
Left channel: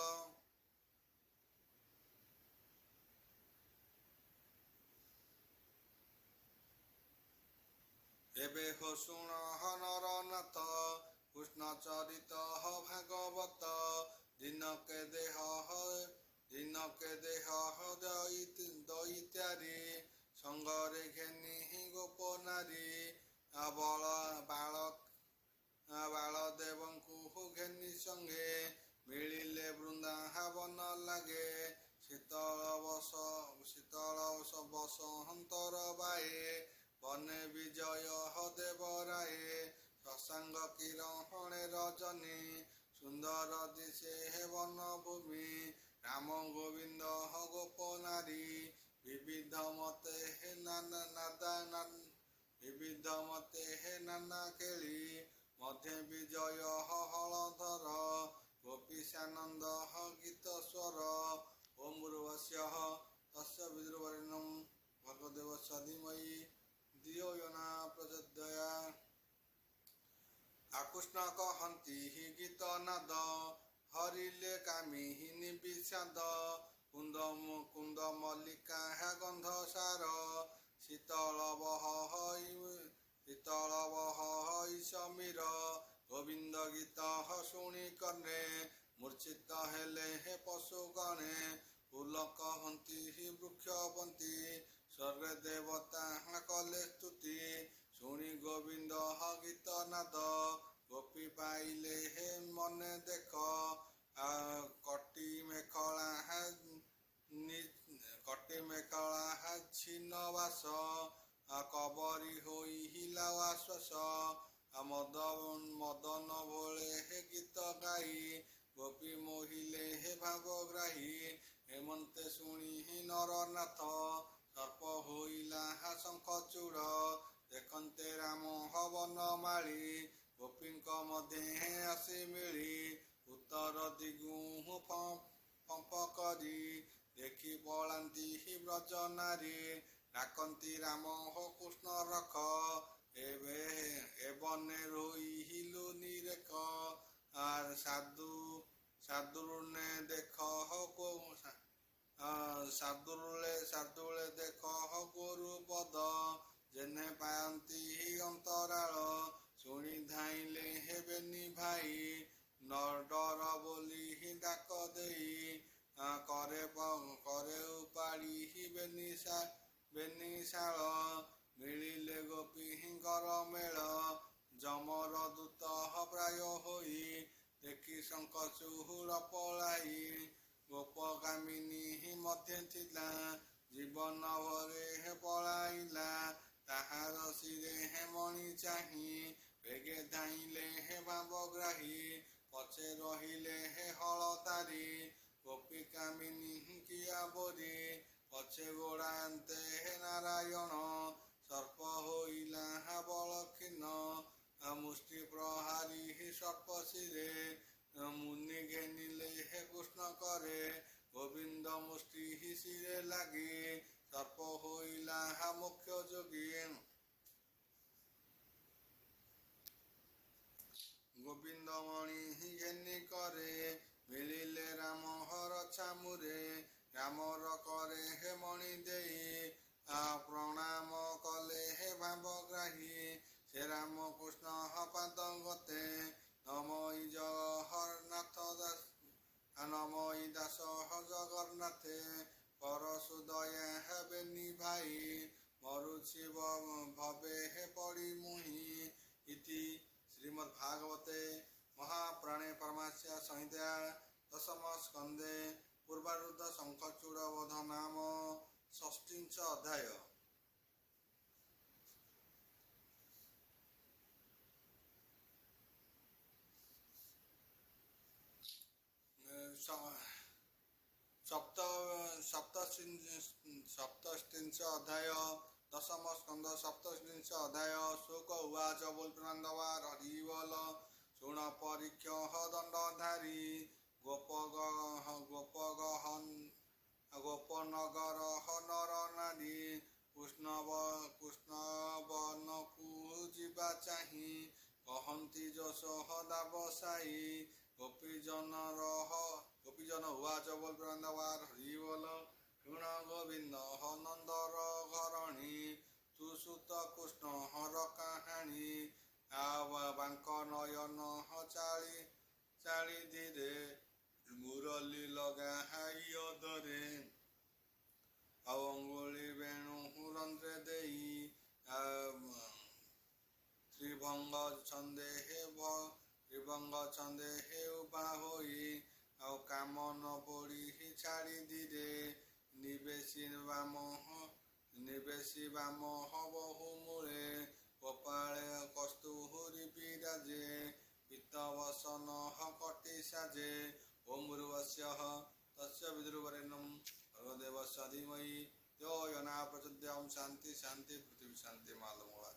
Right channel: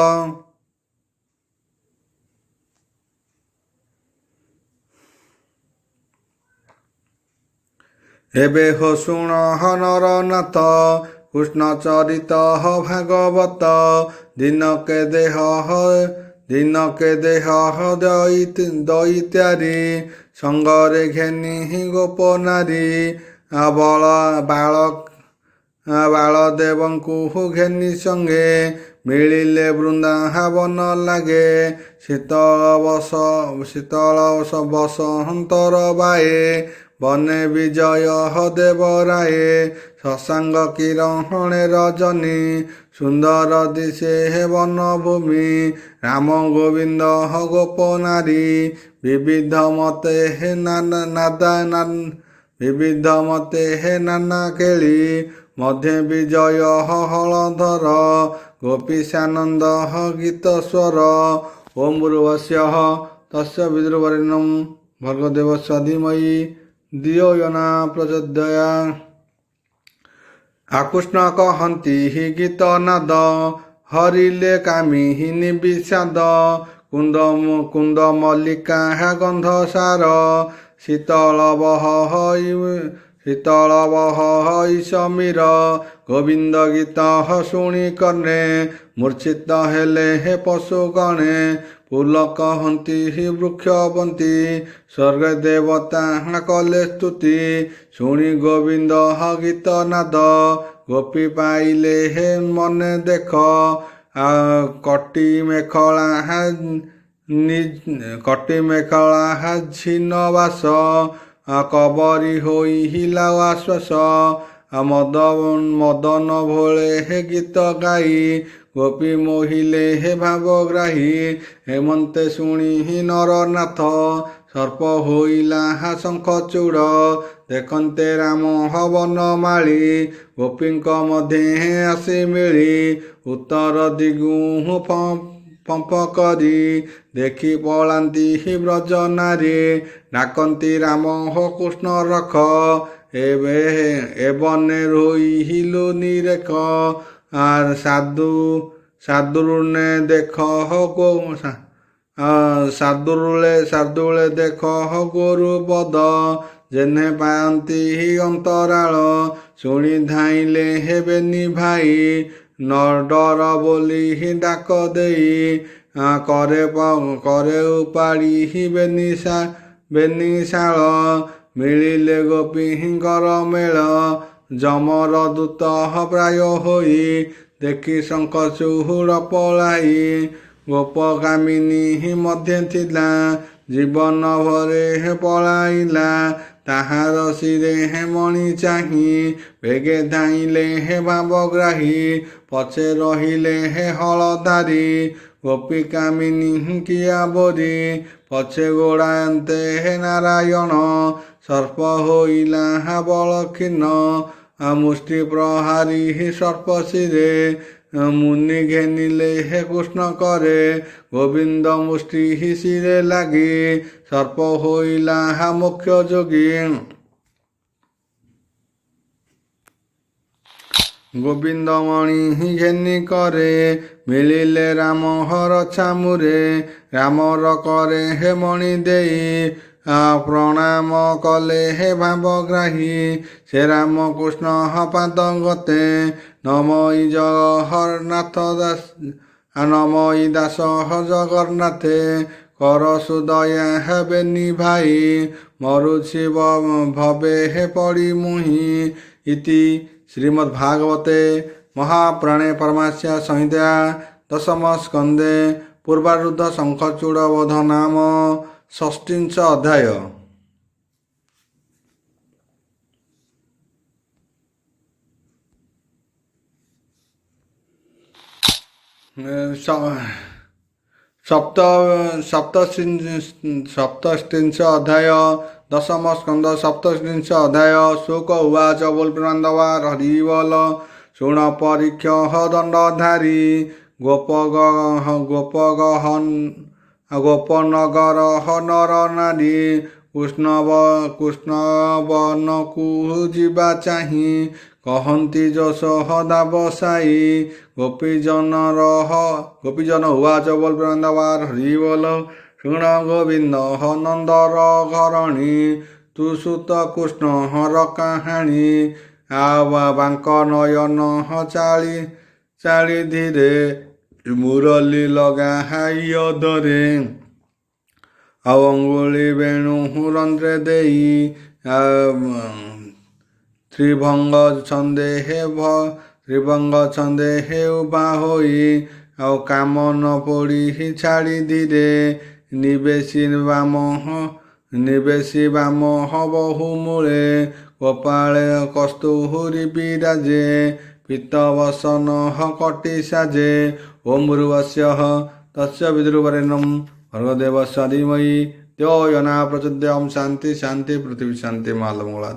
एबे हो शुण ह नरनाथ कृष्ण चरित ह भागवत दिनके देह दैत्यारी संगरे घेनी गोप नारी बालदेवଙ୍କୁ ଘେନି ସଙ୍ଗେ ମିଳିଲେ ବୃନ୍ଦାବନ ଲାଗେ ଶୀତଳ ବସନ୍ତର ବାଏ ବନେ ବିଜୟ ଦେବରାଏ ଶଶାଙ୍ଗ କିରଣେ ରଜନୀ ସୁନ୍ଦର ଦିଶେ ବନଭୂମି ରାମ ଗୋବିନ୍ଦ ଗୋପ ନାରୀ ବିବିଧ ମତେ ନାନା କେଳି ମଧ୍ୟେ ବିଜୟ ହଳଧର ଗୋପୀଶାନନ୍ଦ ଗୀତ ସ୍ୱର ଓಂ ଭୂର୍ଭୁବସ୍ୱଃ ତସ୍ୟ ବିଦୁର୍ବରେଣ୍ୟଂ ଭର୍ଗଦେବସ୍ୟ ଧୀମହି ଧିୟୋ यो न ପ୍ରଚୋଦୟାତ୍। ଆକୃଷ୍ଣ କହନ୍ତି ଗୀତ ନାଦ ହରିଲେ କାମି ନିବିଷାଦ କୁନ୍ଦ ମଲ୍ଲିକା ଗନ୍ଧସାର ଶୀତଳ ବହ ସମୀର ଗୋବିନ୍ଦ ଗୀତ ଶୁଣି କର୍ଣ୍ଣେ ମୂର୍ଚ୍ଛିତ ହେଲେ ହେ ପଶୁ ଗଣେ ଫୁଲ କହନ୍ତି ବୃକ୍ଷବନ୍ତୀ ସ୍ୱର୍ଗ ଦେବତା କଲେ ସ୍ତୁତି ଶୁଣି ଗୋବିନ୍ଦ ଗୀତ ନାଦ ଗୋପୀ ପାଇଲେ ହେ ମନେ ଦେଖ କଟି ମେଖଳା ଝିନ ବାସ କବରୀ ହୋଇ ହିଲା ଆଶ୍ୱାସ ମଦନ ଭୋଳେ ହେ ଗୀତ ଗାଇ ଗୋପୀ ମୋହିଲେ ହେ ଭାବଗ୍ରାହୀ ହେମନ୍ତେ ଶୁଣି ନରନାଥ ସର୍ପ ହୋଇଲା ଶଙ୍ଖଚୂଡ଼ ଦେଖନ୍ତେ ରାମ ବନମାଳୀ ଗୋପୀଙ୍କ ମଧ୍ୟେ ଆସି ମିଳି ଉତ୍ତର ଦିଗୁ ପମ୍ପ କରି ଦେଖି ପଳାନ୍ତି ବ୍ରଜ ନାରୀ ଡାକନ୍ତି ରାମ କୃଷ୍ଣ ରଖ ଏବନେ ରୋଇଲୁ ନିରେଖ ସାଦୁରୁଳେ ଦେଖ ଗୋରୁ ବଦ ଯେହ୍ନେ ପାଆନ୍ତି ଅନ୍ତରାଳ ଶୁଣି ଧାଇଁଲେ ହେବେନି ଭାଇ ନଡର ବୋଲି ଡାକ ଦେଇ କରେ ଉପାଡ଼ି ବେନିଶାଳ ମିଳିଲେ ଗୋପୀଙ୍କର ମେଳ ଯମର ଦୂତ ପ୍ରାୟ ହୋଇ ଦେଖି ଶଙ୍ଖଚୂଡ଼ ପଳାଇ ଗୋପ କାମିନୀ ମଧ୍ୟେ ଥିଲା ଜୀବନ ଭରେ ପଳାଇଲା ତାହାର ଶିରେ ମଣି ଚାହିଁ ବେଗେ ଧାଇଁଲେ ଭାବଗ୍ରାହୀ ପଛେ ରହିଲେ ହଳଧାରୀ ଗୋପୀ କାମିନୀ କିଆ ବୋରି ପଛେ ଗୋଡ଼ାନ୍ତେ ନାରାୟଣ ସର୍ପ ହୋଇଲା ବଳକ୍ଷୀନ ମୁଷ୍ଟି ପ୍ରହାରୀ ସର୍ପ ଶିରେ ମୁନି ଘେନିଲେ କୃଷ୍ଣ କରେ ଗୋବିନ୍ଦ ମୁଷ୍ଟି ଶିରେ ଲାଗି ସର୍ପ ହୋଇଲା ମୁଖ୍ୟ ଯୋଗୀ ଗୋବିନ୍ଦ ମଣି ଘେନି କରେ ମିଳିଲେ ରାମ ଛାମୁରେ ରାମର କରେ ମଣି ଦେଇ ପ୍ରଣାମ କଲେ ଭାବଗ୍ରାହୀ ସେ ରାମ କୃଷ୍ଣ ପାଦ ଗତେ ନମଇ ଦାସ ଜଗନ୍ନାଥେ କର ସୁଦୟା ହେବେନି ଭାଇ ମରୁଛି ଭବେ ପଡ଼ି ମୁହିଁ ଇତି ଶ୍ରୀମଦ୍ଭାଗବତେ ମହାପୁରାଣେ ପରମାଂସ୍ୟା ସଂହିତା ଦଶମ ସ୍କନ୍ଧେ ପୂର୍ବାରୁଦ୍ଧ ଶଙ୍ଖଚୂଡ଼ ବୋଧ ନାମ ଷଷ୍ଠୀଂଶ ଅଧ୍ୟାୟ। ସପ୍ତଷ୍ଟିଂଶ ଅଧ୍ୟାୟ ଦଶମ ସ୍କନ୍ଧ ସପ୍ତଷ୍ଟିଂଶ ଅଧ୍ୟାୟ ଶୋକ ଉବାଚ ବୋଲ ପ୍ରବନ୍ଧବାର ହରି ବୋଲ ଶୁଣ ପରୀକ୍ଷ ଦଣ୍ଡଧାରୀ ଗୋପନଗର ନର ନାରୀ କୃଷ୍ଣବନକୁ ଯିବା ଚାହିଁ କହନ୍ତି ଯଶୋଦା ବସାଇ ଗୋପୀଜନ ଉବାଚ ବୋଲ ବୃନ୍ଦାବନ ହରି ବୋଲ ଶୁଣ ଗୋବିନ୍ଦ ନନ୍ଦର ଘରଣୀ ତୁ ସୁତ କୃଷ୍ଣ ହର କାହାଣୀ ବାଙ୍କ ନୟନ ଚାଳି ଧୀରେ ମୁରଲି ଲଗାଇ ଅଧରେ ଆଉ ଅଙ୍ଗୁଳି ବେଣୁ ରନ୍ଧ୍ରେ ଦେଇ ତ୍ରିଭଙ୍ଗ ଛନ୍ଦେ ଉଭା ହୋଇ ଆଉ କାମନ ପୋଡ଼ି ଛାଡ଼ି ଧୀରେ ନିବେଶୀ ବାମ ବହୁ ମୂଳେ କପାଳେ କସ୍ତୁରୀ ବିରାଜେ ପିତ ବସନ କଟି ସାଜେ ଓಂ ଭୂର୍ଭୁବସ୍ସଃ ତସ୍ୟ ବିଦୁର୍ବରେଣ୍ୟଂ ଭର୍ଗୋ ଦେବସ୍ୟ ଧୀମହି ଧିୟୋ यो न प्रचोदयात्। शांति शांति पृथ्वी शांति। महामंगलात्।